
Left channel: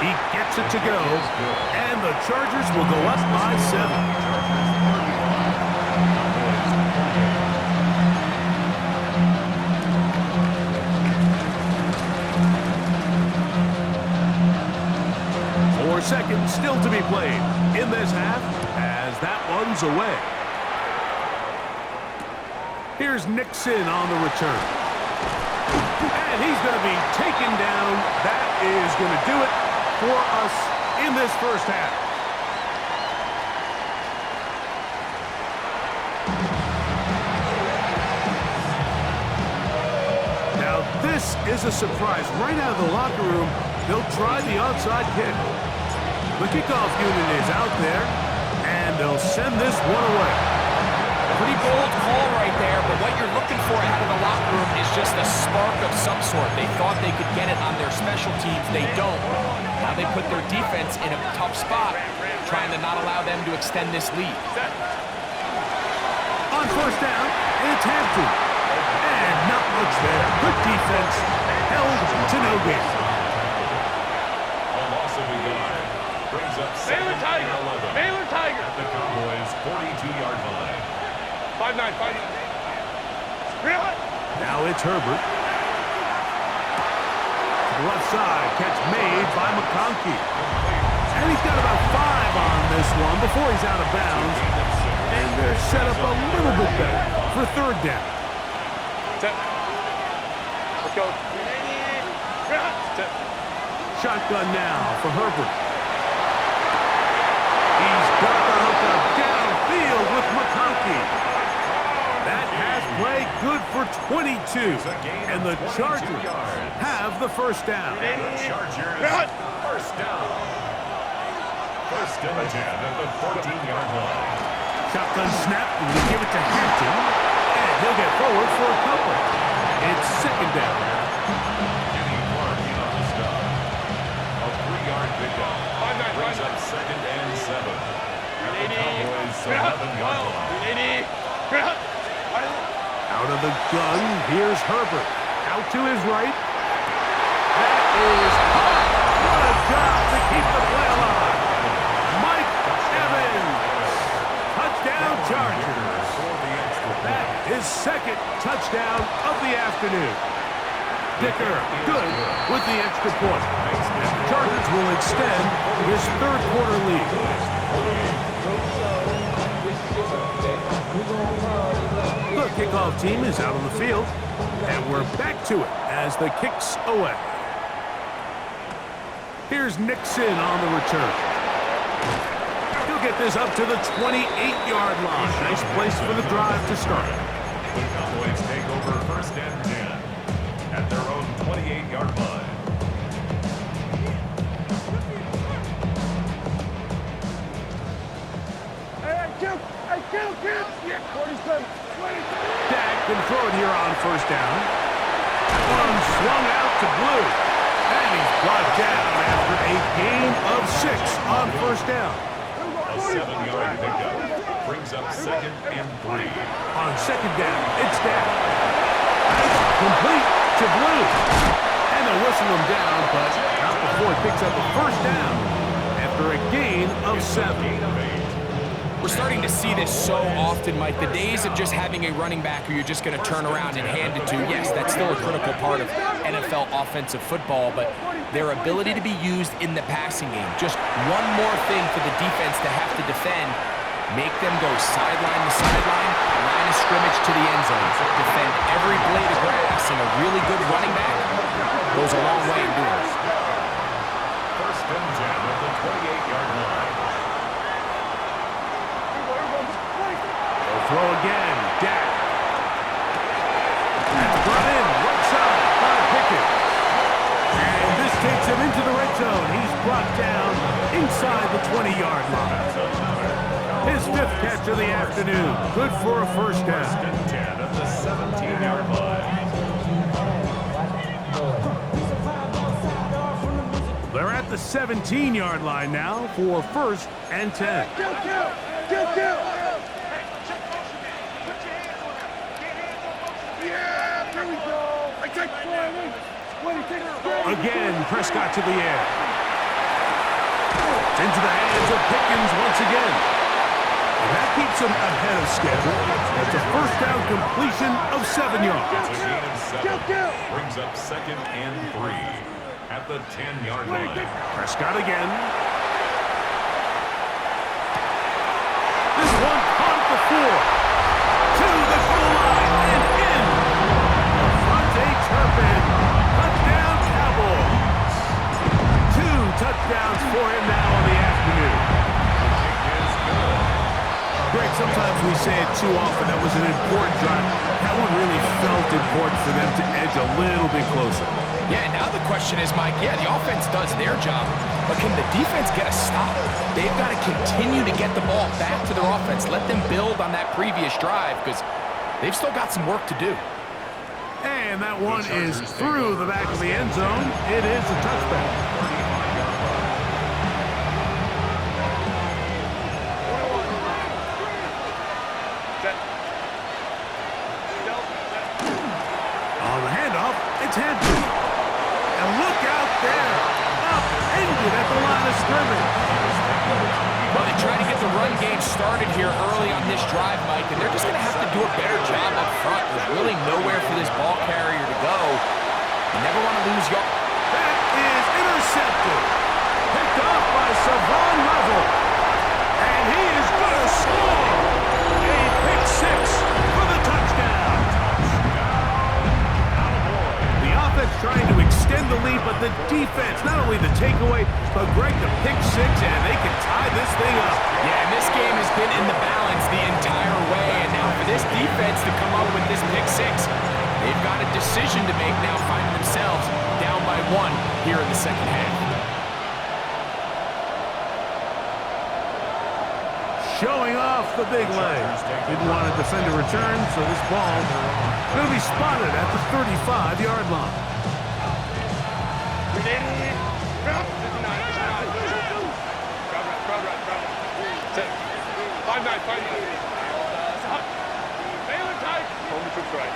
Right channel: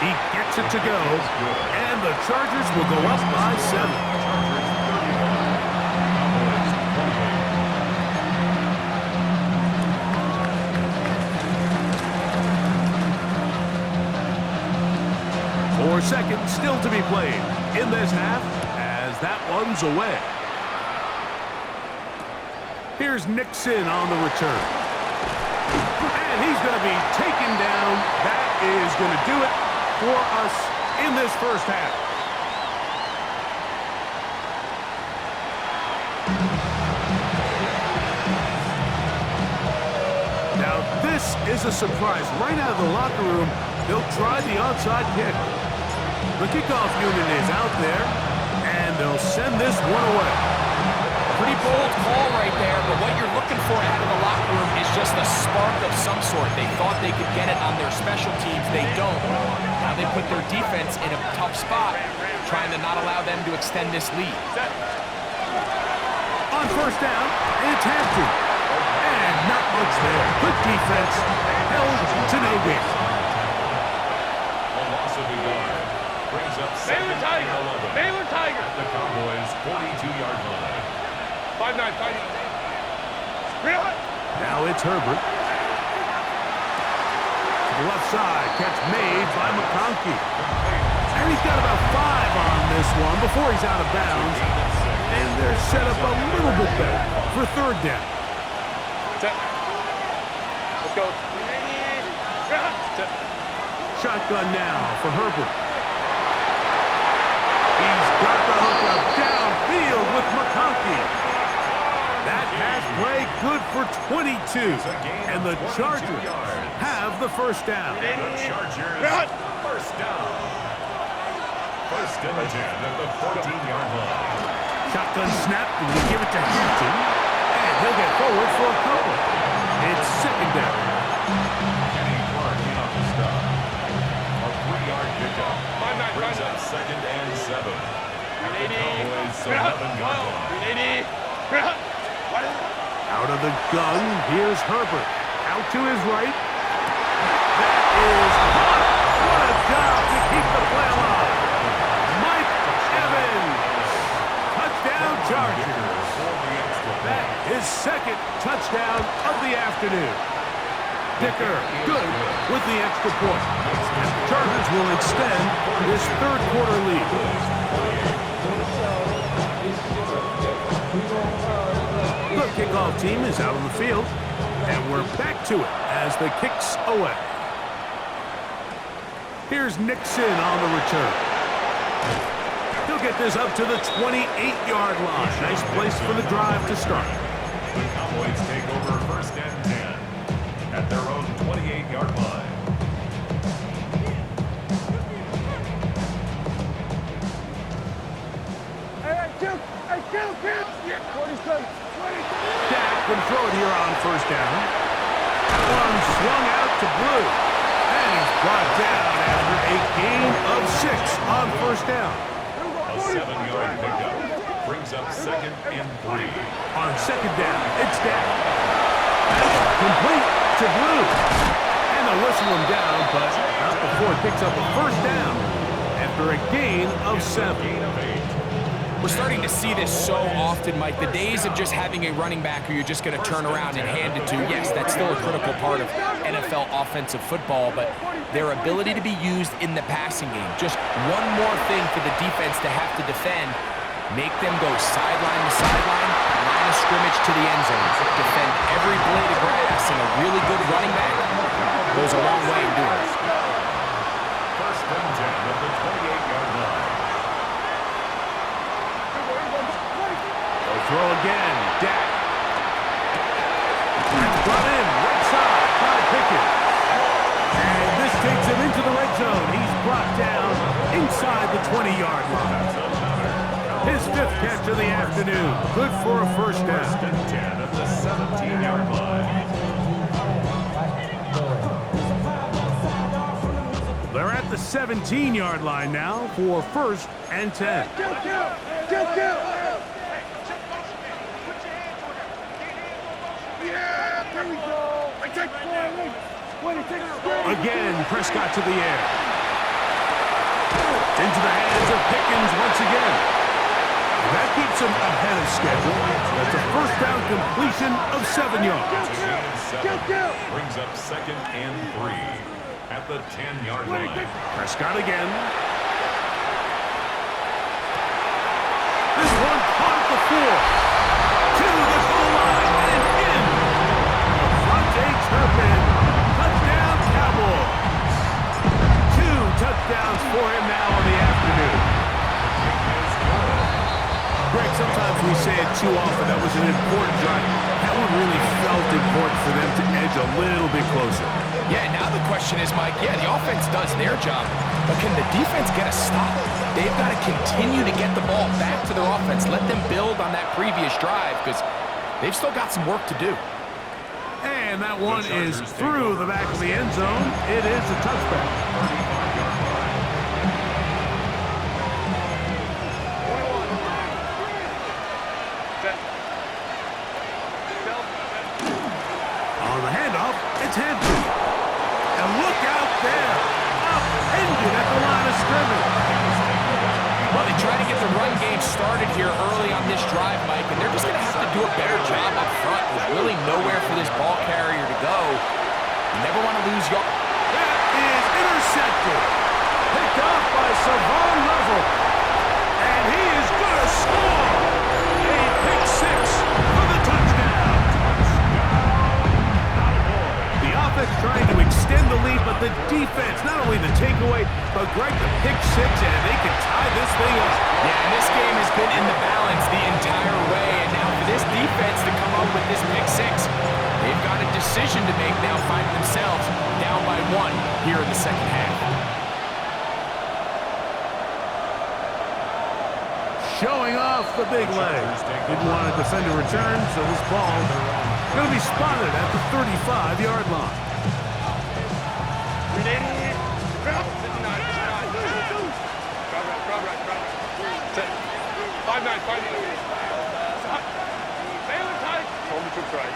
He gets it to go, and the Chargers will go up by 7. Four seconds still to be played in this half as that one's away. Here's Nixon on the return. And he's going to be taken down. That is going to do it for us in this first half. Now this is a surprise. Right out of the locker room, they'll try the onside kick. The kickoff unit is out there, and they'll send this one away. Pretty bold call right there, but what you're looking for out of the locker room is just a spark of some sort. They thought they could get it on their special teams. They don't. Now they put their defense in a tough spot, trying to not allow them to extend this lead. On 1st down, it's Hampton. And not much there. Good defense, held to no gain. A loss of a yard brings up 2nd and 11. Baylor Tiger. At the Cowboys' 42-yard line. 5-9. Now it's Herbert. To the left side, catch made by McConkey. And he's got about 5 on this one before he's out of bounds. And they're set up a little bit better for 3rd down. Set. Let's go. Set. Shotgun now for Herbert. He's got the hookup downfield with McConkey. That pass play good for 22. And the Chargers have the 1st down. The Chargers, 1st down. 1st and 10 at the 14-yard line. Shotgun snap, and we give it to Hampton. And he'll get forward for a couple. It's 2nd down. Kenny Clark in on the stop. A 3-yard pickup. Brings up 2nd and 7. At the Cowboys' 11-yard line. Out of the gun, here's Herbert. Out to his right. That is caught. What a job to keep the play alive. Mike Evans. Touchdown Chargers. That is 2nd touchdown of the afternoon. Dicker, good with the extra point. And the Chargers will extend this 3rd quarter lead. The kickoff team is out on the field, and we're back to it as the kick's away. Here's Nixon on the return. He'll get this up to the 28-yard line. Nice place for the drive to start. The Cowboys take over 1st and 10 at their own 28-yard line. Kill! 47, 20. Dak can throw it here on 1st down. That one swung out to Blue. And he's brought down after a gain of 6 on 1st down. A 7-yard pickup brings up 2nd and 3. On 2nd down, it's Dak. That's complete to Blue. And they'll whistle him down, but not before it picks up a 1st down after a gain of 7. We're starting to see this so often, Mike. The days of just having a running back who you're just going to turn around and hand it to, yes, that's still a critical part of NFL offensive football, but their ability to be used in the passing game. Just one more thing for the defense to have to defend. Make them go sideline to sideline, line of scrimmage to the end zone. Defend every blade of grass, and a really good running back goes a long way in doing it. 1st and 10 at the 28-yard line. They'll throw again. Dak. That's brought in right side by Pickens. And this takes him into the red zone. He's brought down inside the 20-yard line. His 5th catch of the afternoon. Good for a 1st down. 1st and 10 at the 17-yard line. They're at the 17-yard line now for 1st and 10. Kill! Yeah, there we go. I take 20, take it. Again, Prescott to the air. Into the hands of Pickens once again. And that keeps him ahead of schedule. That's a 1st down completion of 7 yards. It's a gain of 7. Brings up 2nd and 3 at the 10-yard line. Prescott again. This one caught at the 4. To the goal line and in. Devontae Turpin. Touchdown, Cowboys. 2 touchdowns for him now on the afternoon. The kick is good. Greg, sometimes we say it too often. That was an important drive. That one really felt important for them to edge a little bit closer. Yeah, now the question is, Mike, yeah, the offense does their job, but can the defense get a stop? They've got to continue to get the ball back to their offense. Let them build on that previous drive because they've still got some work to do. And that one is through the back of the end zone. It is a touchback. 35-yard line. 21. On the handoff, it's Hampton. And look out there. Upended at the line of scrimmage. Well, they try to get the run game started here early on this drive, Mike, and they're just going to have to do a better job up front. There's really nowhere for this ball carrier to go. You never want to lose your... That is intercepted. Picked off by Savon Level. And he is going to score. A pick 6 for the touchdown. The offense trying to extend the lead, but the defense, not only the takeaway, but Greg, the pick 6, and they can tie this thing up. Yeah, and this game has been in the balance the entire way, and now for this defense to come up with this pick 6, they've got a decision to make now, finding themselves down by 1 here in the second half. Showing off the big leg. Didn't want to defend a return, so this ball going to be spotted at the 35-yard line. 5-9. Baylor tight. Hold the troops right.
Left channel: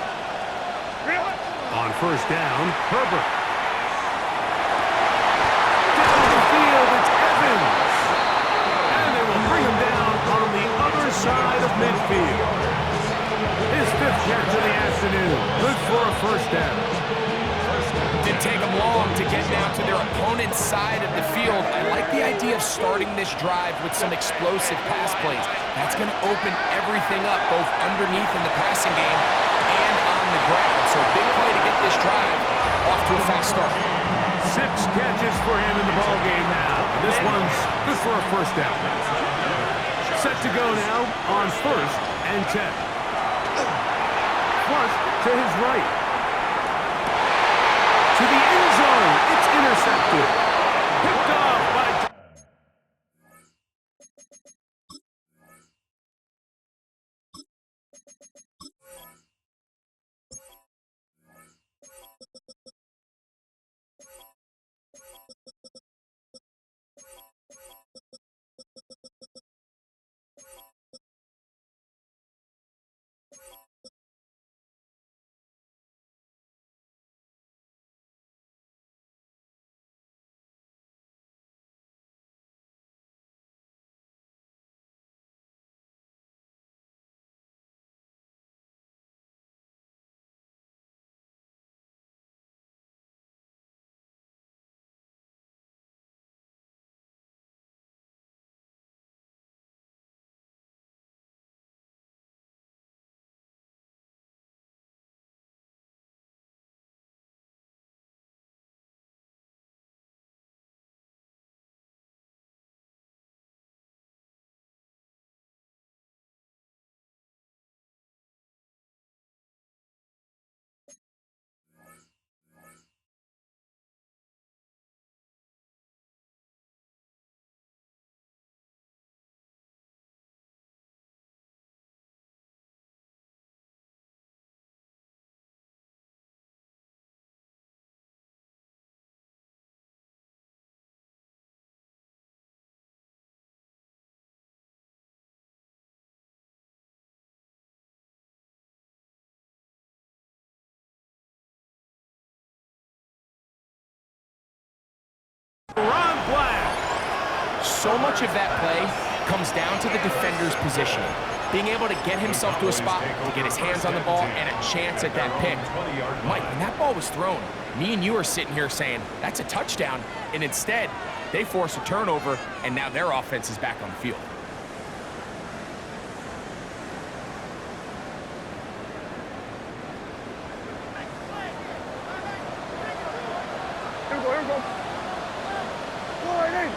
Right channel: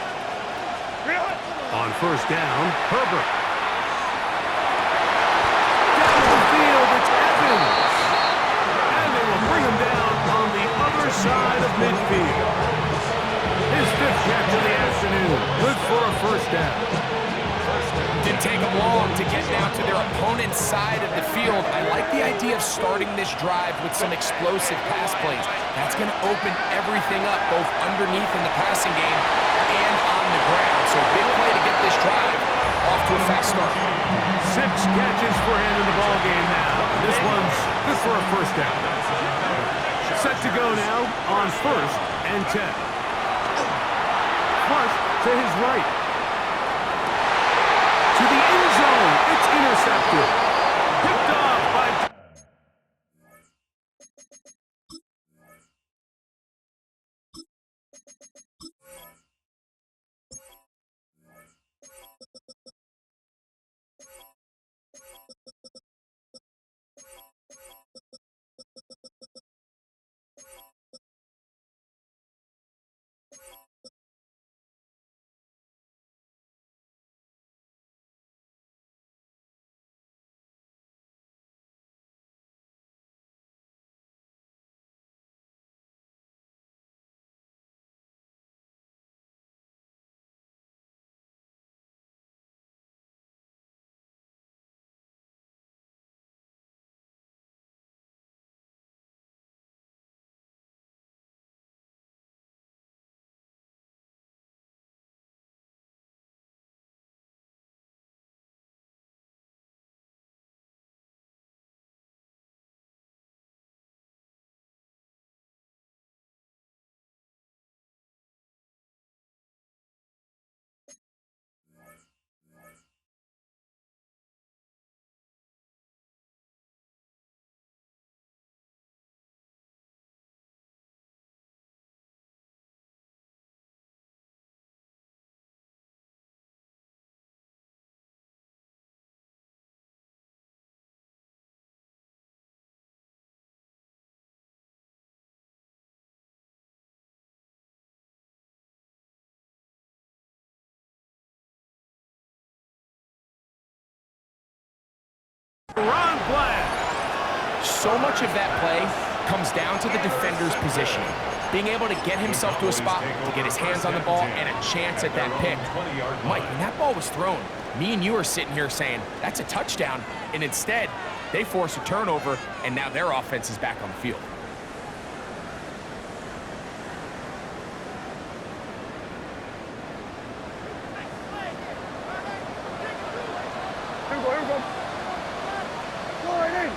On 1st down, Herbert. Down the field, it's Evans. And they will bring him down on the other side of midfield. His 5th catch of the afternoon. Good for a 1st down. Didn't take them long to get down to their opponent's side of the field. I like the idea of starting this drive with some explosive pass plays. That's going to open everything up, both underneath in the passing game and on the ground. So big play to get this drive off to a fast start. 6 catches for him in the ball game now. This one's good for a first down. Set to go now on 1st and 10. Flush to his right. To the end zone. It's intercepted. Picked off by... Ron Black. So much of that play comes down to the defender's positioning. Being able to get himself to a spot, to get his hands on the ball, and a chance at that pick. Mike, when that ball was thrown, me and you are sitting here saying, that's a touchdown, and instead, they force a turnover, and now their offense is back on the field. Here we go, here we go. Go right in.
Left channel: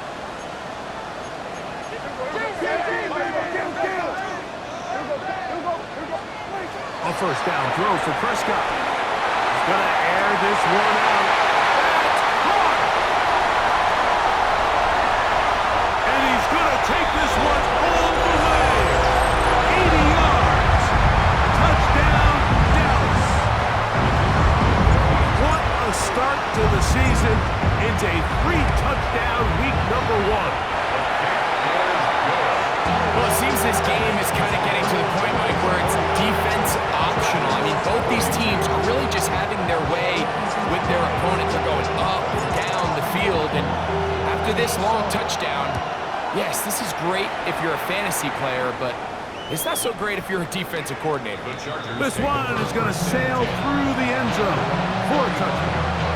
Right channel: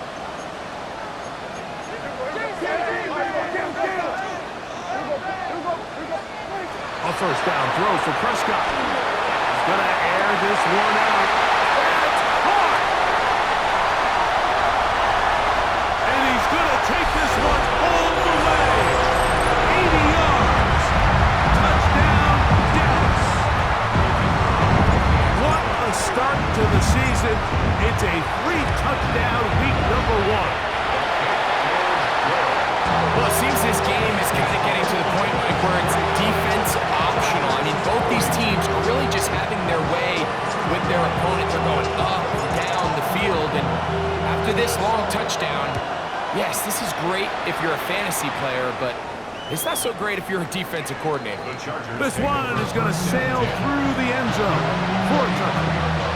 A first down throw for Prescott. He's going to air this one out. That's caught! And he's going to take this one all the way. 80 yards. Touchdown, Dallas. What a start to the season. It's a 3-touchdown week number 1. Well, it seems this game is kind of getting to the point, Mike, where it's defense optional. I mean, both these teams are really just having their way with their opponent. They're going up and down the field, and after this long touchdown, yes, this is great if you're a fantasy player, but it's not so great if you're a defensive coordinator. This one is going to sail through the end zone for a touchdown.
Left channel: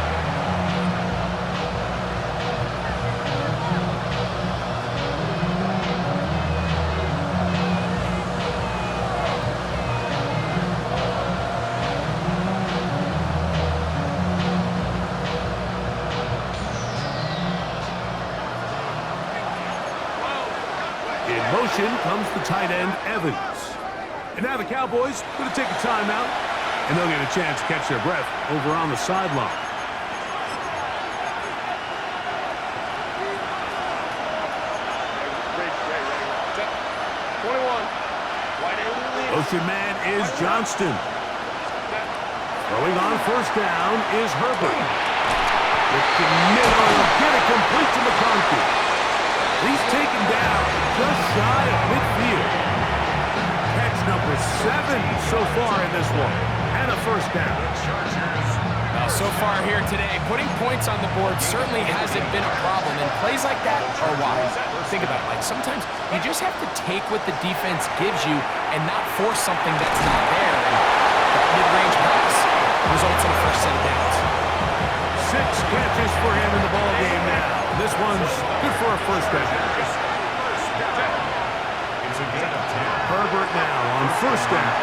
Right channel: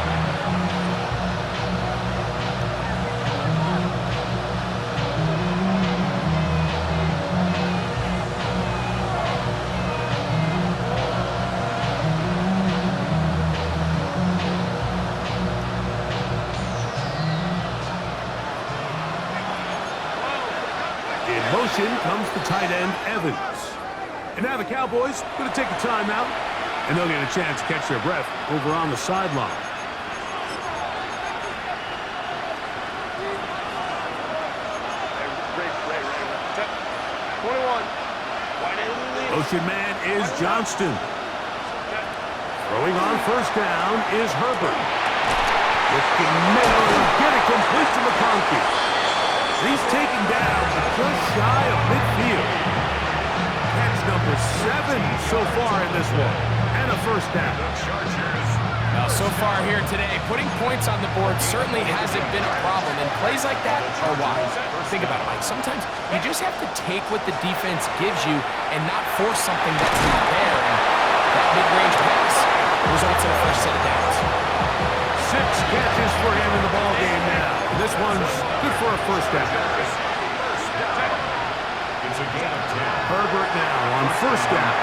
In motion comes the tight end, Evans. And now the Cowboys going to take a timeout, and they'll get a chance to catch their breath over on the sideline. Motion man is Johnston. Throwing on first down is Herbert. Looking middle, he'll get it complete to McConkey. He's taken down just shy of midfield. Catch number 7 so far in this one. And a first down. Well, so far here today, putting points on the board certainly hasn't been a problem, and plays like that are wise. Think about it, Mike. Sometimes you just have to take what the defense gives you and not force something that's not there, and that mid-range pass results in a fresh set of downs. 6 catches for him in the ball game now. And this one's good for a first down. It's a gain of 10. Herbert now on first down.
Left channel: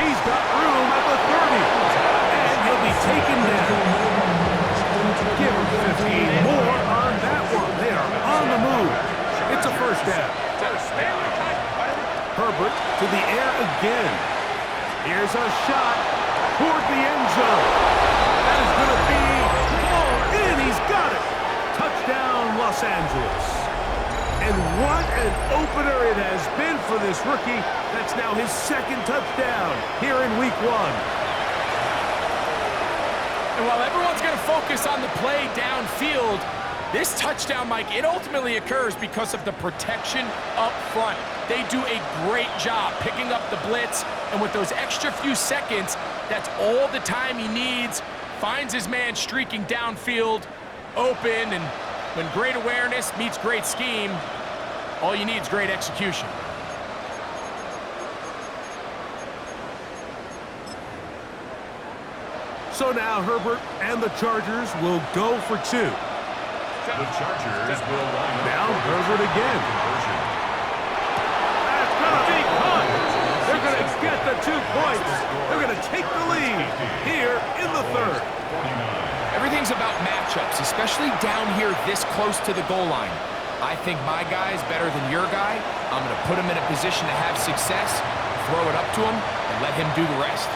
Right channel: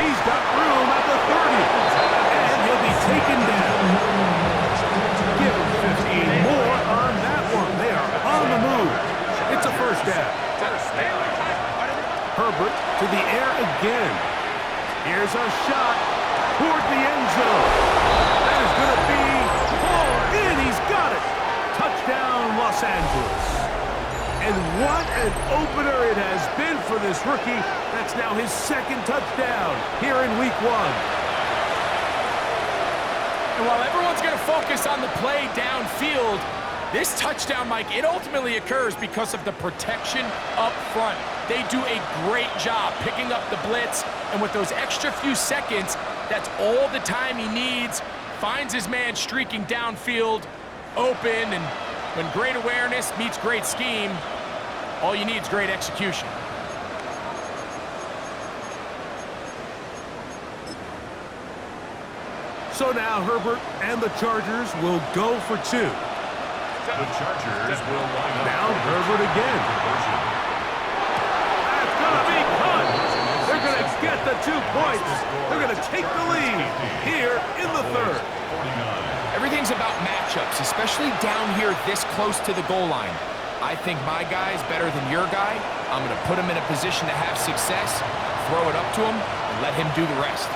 He's got room at the 30. And he'll be be taken down. Give him 15 more on that one. They are on the move. It's a first down. Herbert to the air again. Here's a shot toward the end zone. That is going to be pulled in. He's got it. Touchdown, Los Angeles. And what an opener it has been for this rookie. That's now his second touchdown here in week 1. And while everyone's going to focus on the play downfield, this touchdown, Mike, it ultimately occurs because of the protection up front. They do a great job picking up the blitz, and with those extra few seconds, that's all the time he needs. Finds his man streaking downfield, open, and when great awareness meets great scheme, all you need is great execution. So now Herbert and the Chargers will go for 2. The Chargers will line up. Now Herbert again. That's going to be caught. They're going to get the 2 points. They're going to take the lead here in the 3rd. Everything's about matchups, especially down here this close to the goal line. I think my guy is better than your guy. I'm going to put him in a position to have success, throw it up to him, and let him do the rest.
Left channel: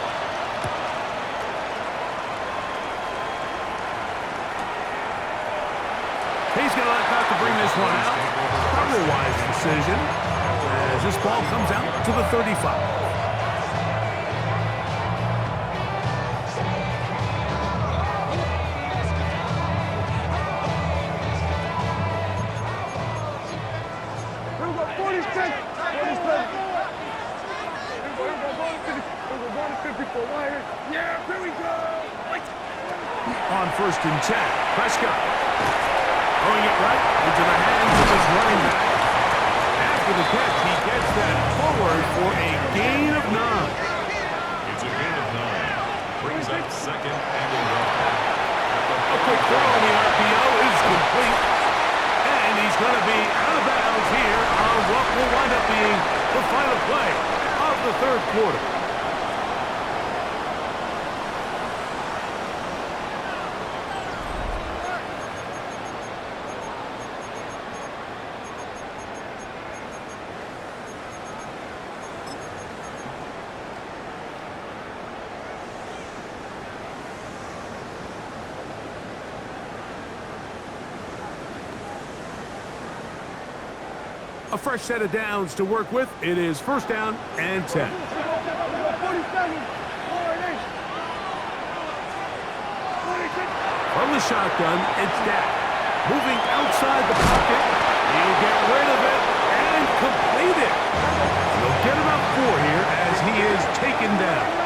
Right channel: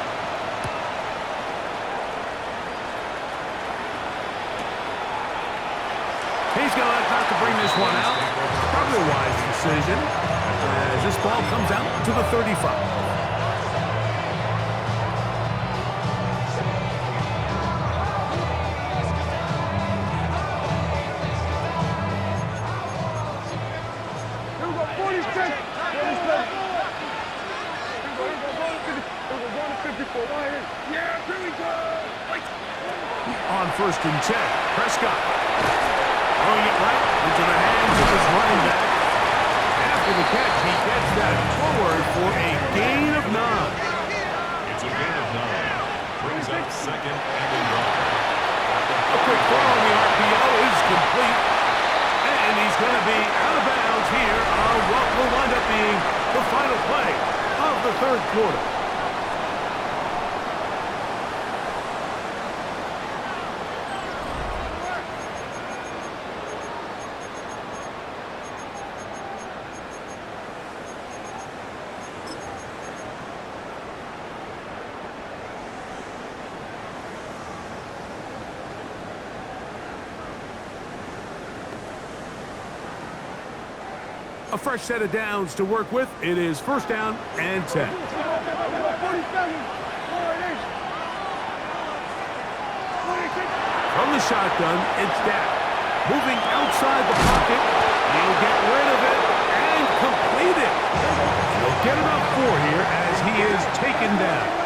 He's going to elect not to bring this one out. Probably a wise decision as this ball comes out to the 35. Here we go, 46. 47. Going to 54. Yeah, here we go. On 1st and 10, Prescott. Throwing it right into the hands of his running back. After the catch, he gets that forward for a gain of 9. It's a gain of 9. Brings up 2nd and a yard. A quick throw on the RPO is complete. And he's going to be out of bounds here on what will wind up being the final play of the 3rd quarter. A fresh set of downs to work with. It is 1st down and 10. From the shotgun, it's Dak. Moving outside the pocket. He'll get rid of it and complete it. He'll get about 4 here as he is taken down.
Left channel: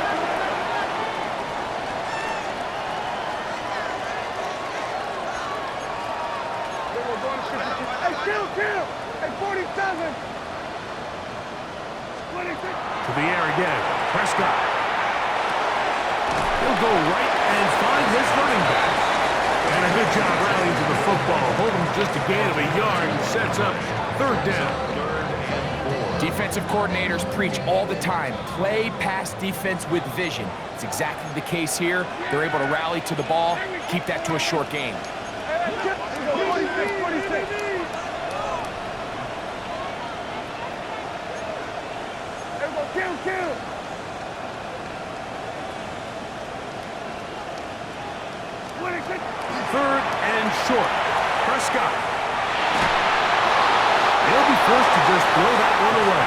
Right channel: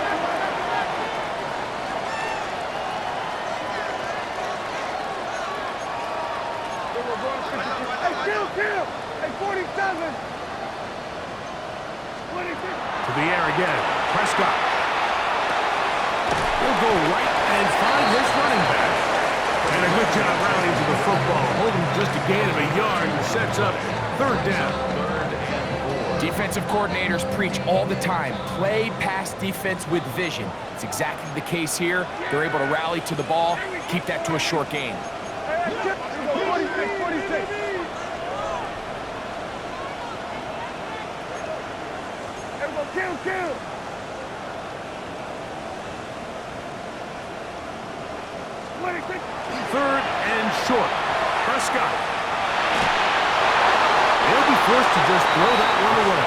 Kill! At 47! 26! To the air again. Prescott. He'll go right and find his running back. And a good job rallying to the football. Hold him just a gain of a yard and sets up 3rd down. 3rd and 4. Defensive coordinators preach all the time, play pass defense with vision. It's exactly the case here. They're able to rally to the ball, keep that to a short game. 46, 46. Kill! 26. 3rd and short. Prescott. They'll be forced to just throw that one away.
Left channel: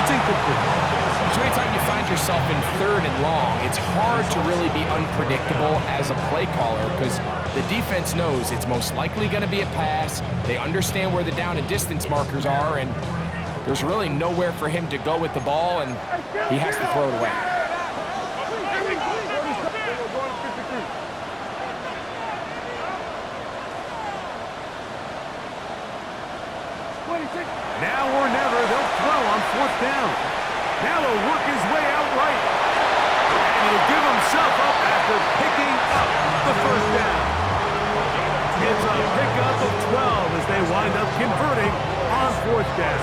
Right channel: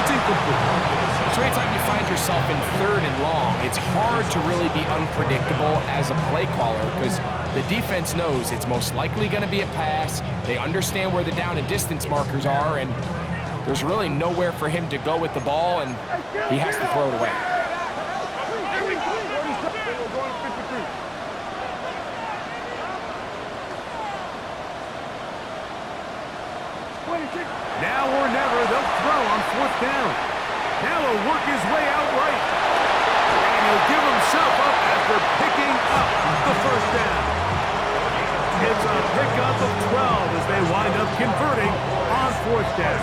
It's incomplete. So anytime you find yourself in 3rd and long, it's hard to really be unpredictable as a play caller because the defense knows it's most likely going to be a pass. They understand where the down and distance markers are, and there's really nowhere for him to go with the ball, and he has to throw it away. Now or never, they'll throw on 4th down. Now he'll work his way out right. And he'll give himself up after picking up the 1st down. It's a pickup of 12 as they wind up converting on 4th down.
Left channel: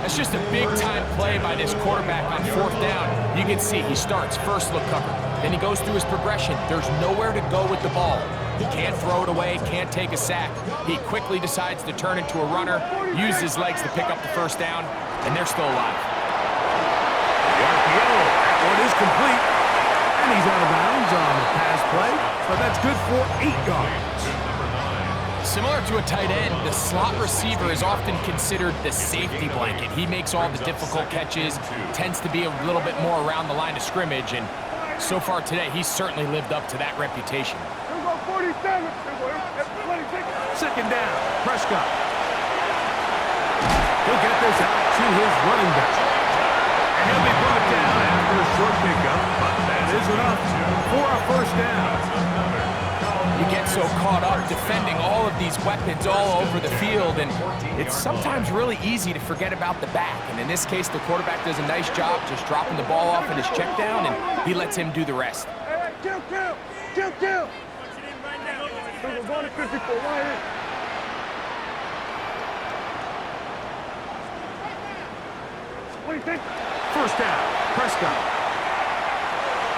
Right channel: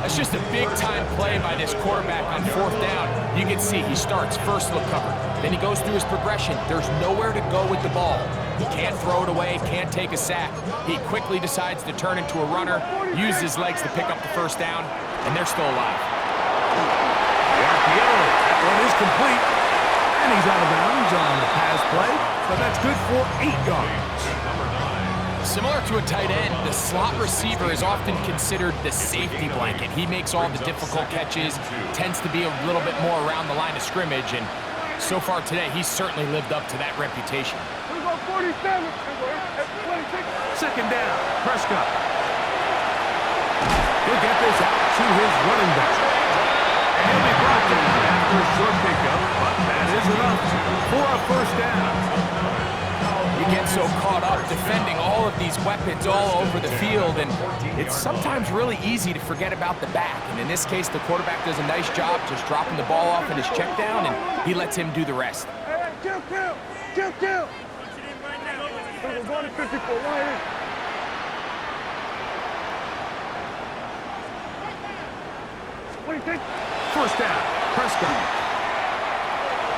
That's just a big-time play by this quarterback on 4th down. You can see he starts first look covered, Then he goes through his progression. There's nowhere to go with the ball. He can't throw it away, can't take a sack. He quickly decides to turn into a runner, use his legs to pick up the first down, and they're still alive. The RPO, that one is complete. And he's out of bounds on the pass play, but that's good for 8 yards. Similar to a tight end, the slot receiver is often considered the safety blanket. He makes all the difficult catches, tends to be a little bit more around the line of scrimmage, and so far today, he's certainly lived up to that reputation. 47. 26. Second down, Prescott. He'll get this out to his running back. And he'll be brought down after a short pickup, but that is enough for a first down. You get so caught up defending all of these weapons all over the field, and it's sometimes really easy to forget about the back. And in this case, the quarterback does a nice job just dropping the ball off in his check down, and he lets him do the rest. Hey, kill. We're going to 54. Why? What do you think? First down, Prescott.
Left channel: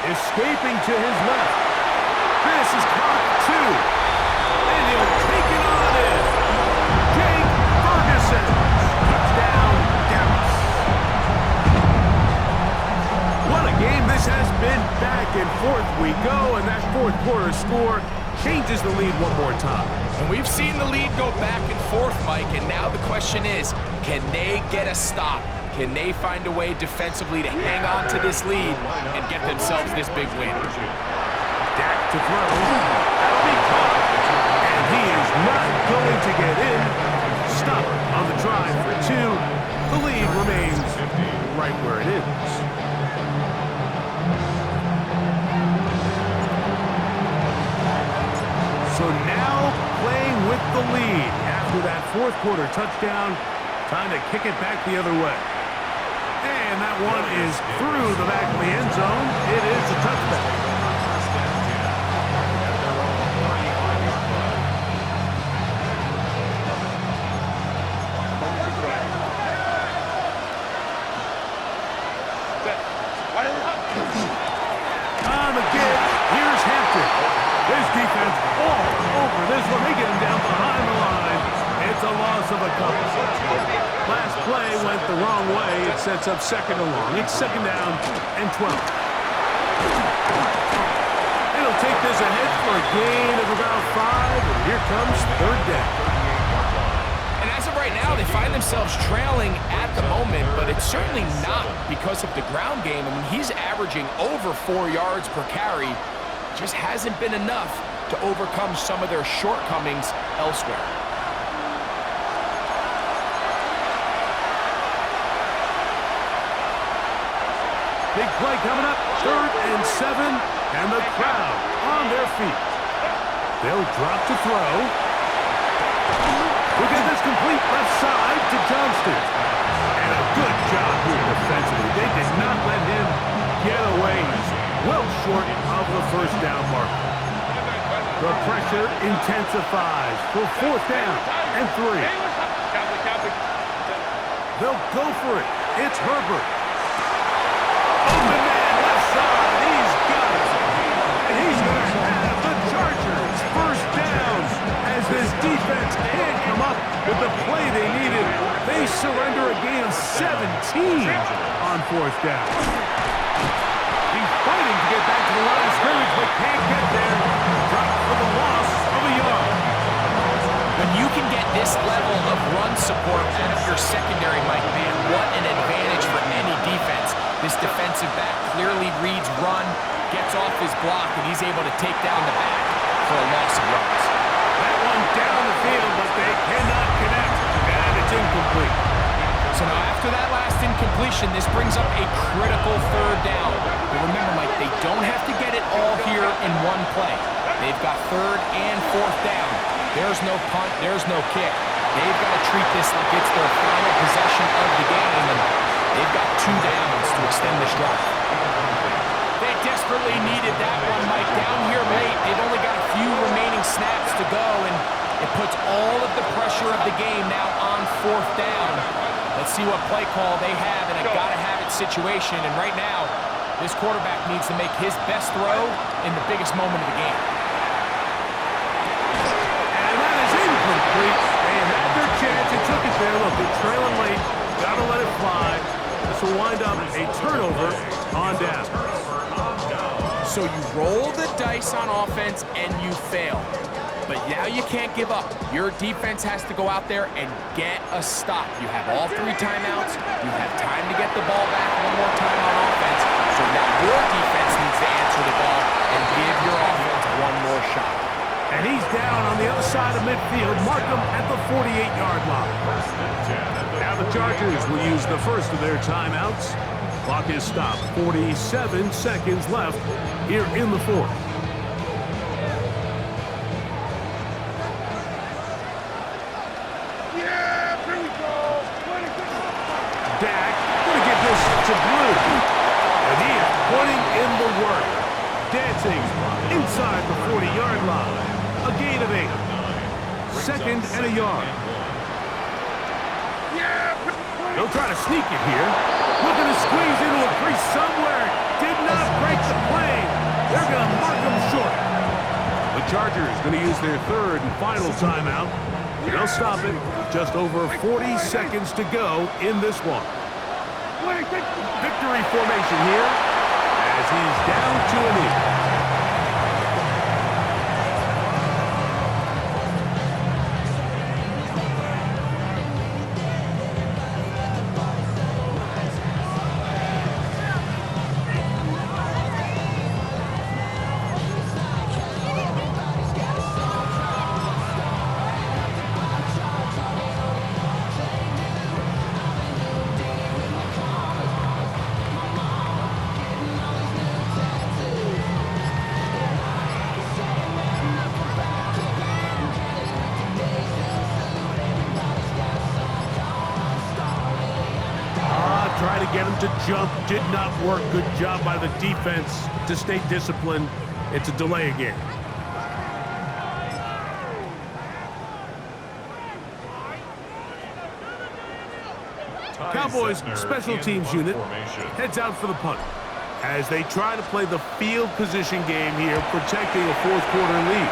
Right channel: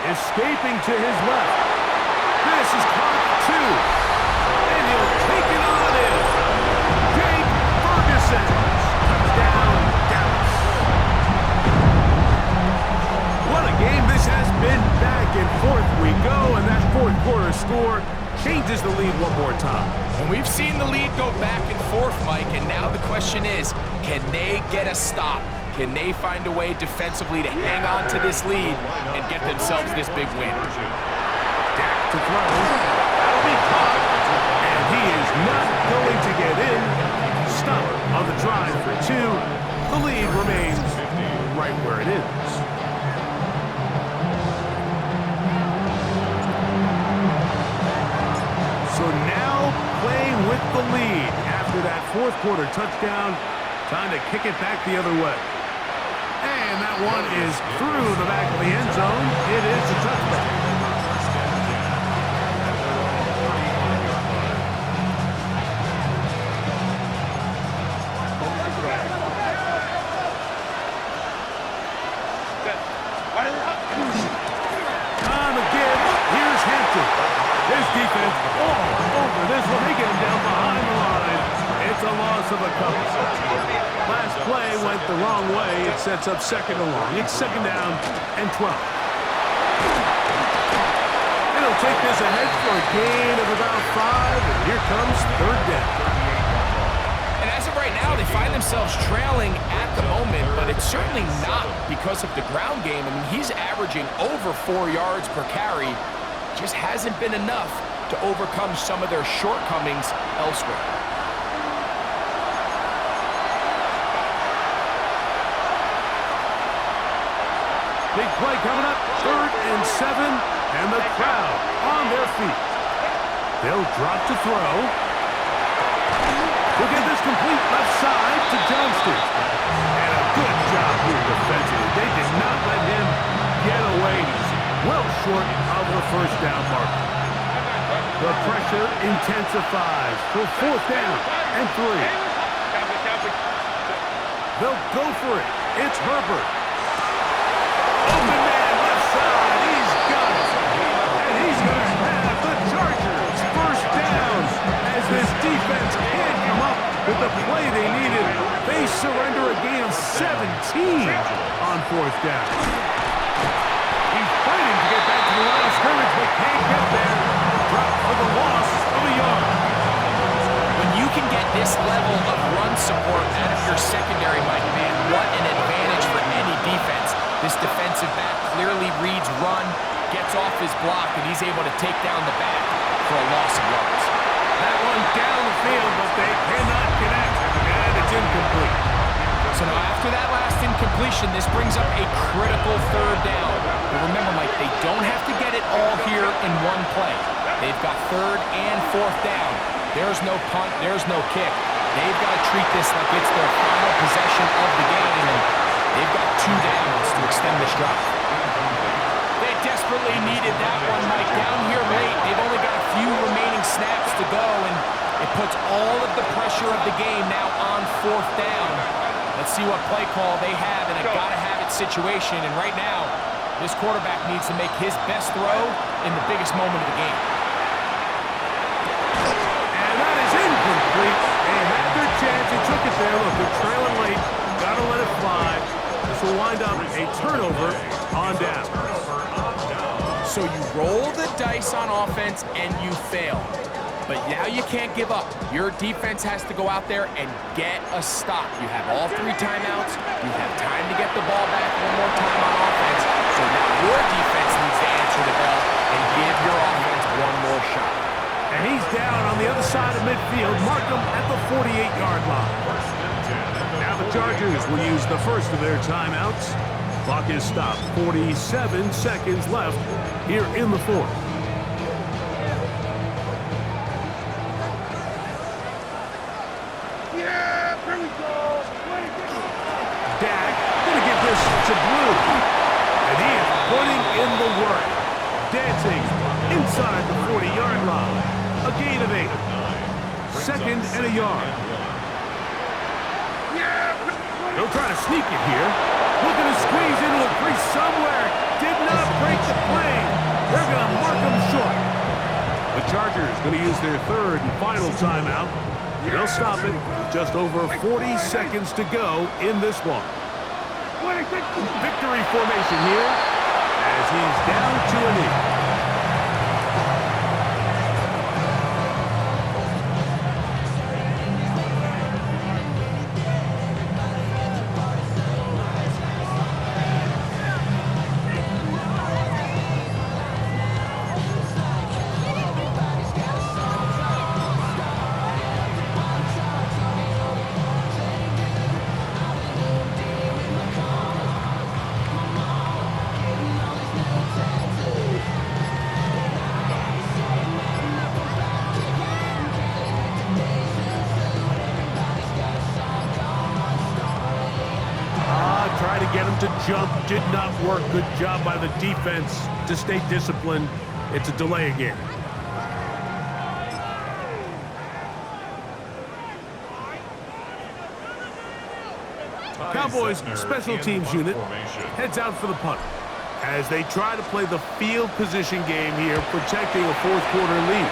Escaping to his left. This is caught 2. And he'll take it on in. Jake Ferguson. Touchdown, Dallas. What a game this has been. Back and forth we go, and that fourth quarter score changes the lead one more time. And we've seen the lead go back and forth, Mike, and now the question is, can they get a stop? Can they find a way defensively to hang on to this lead and get themselves this big win? Dak to throw. That'll be caught. And he is not going to get in. Stop on the drive for 2. The lead remains right where it is. So now playing with the lead after that fourth quarter touchdown. Time to kick it back the other way. And that one is through the back of the end zone. It is a touchback. First and 10 at their own 35-yard line. On the give, here's Hampton. His defense all over this one. They get him down behind the line. It's a loss of a couple. Last play went the wrong way. It sets up second and long. It's second down and 12. And he'll take this ahead for a gain of about 5. And here comes third down. And as of right now, they find themselves trailing at the moment, but it's certainly not because of the ground game. I mean, he's averaging over 4 yards per carry. Just hasn't been enough to overcome some of their shortcomings elsewhere. Big play coming up, 3rd and 7, and the crowd on their feet. They'll drop to throw. We'll get this complete left side to Johnston. And a good job here defensively. They did not let him get away. Well short of the first down marker. The pressure intensifies for 4th down and 3. They'll go for it. It's Herbert. Open man, left side. He's got it. And he's going to have the Chargers first down as this defense can't come up with the play they needed. They surrender a gain of 17 on 4th down. He's fighting to get back to the line of scrimmage, but can't get there. Dropped for the loss of a yard. When you can get this level of run support out of your secondary, Mike, man, what an advantage for any defense. This defensive back clearly reads run, gets off his block, and he's able to take down the back for a loss of yards. That one down the field, but they cannot connect, and it's incomplete. So now after that last incompletion, this brings up a critical 3rd down. But remember, Mike, they don't have to get it all here in one play. They've got 3rd and 4th down. There's no punt, there's no kick. They've got to treat this like it's their final possession of the game, and they've got 2 downs to extend this drive. They desperately needed that one, Mike. Down here late, they've only got a few remaining snaps to go, and it puts all of the pressure of the game now on 4th down. Let's see what play call they have in a gotta-have-it situation, and right now, This quarterback needs to make his best throw in the biggest moment of the game. And that is incomplete. They had their chance. They took it there. Look, they're trailing late. Got to let it fly. This will wind up a turnover on down. So you roll the dice on offense and you fail. But now you can't give up. Your defense has to go out there and get a stop. You have all 3 timeouts. You have time to get the ball back one more time on offense. So now your defense needs to answer the bell and give your offense one more shot. And he's down on the other side of midfield. Mark him at the 48-yard line. Now the Chargers will use the first of their timeouts. Clock is stopped. 47 seconds left here in the fourth. Yeah, here we go. Dak going to get this to Blue. And he is putting in the work. Dancing inside the 40-yard line. A gain of 8. Second and a yard. They'll try to sneak it here. Looking to squeeze into a crease somewhere. Did not break the plane. They're going to mark him short. The Chargers going to use their third and final timeout. They'll stop it with just over 40 seconds to go in this one. Victory formation here as he's down to a knee. Try to get him to jump. Did not work. Good job by the defense to stay disciplined. It's a delay again. Cowboys special teams unit heads out for the punt as they try to play the field position game here, protecting a fourth quarter lead.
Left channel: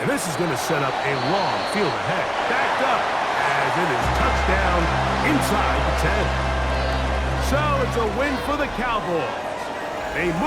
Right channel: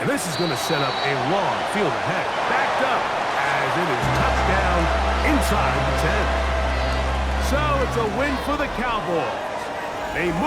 And this is going to set up a long field ahead. Backed up as it is touchdown inside the 10. So it's a win for the Cowboys. They move.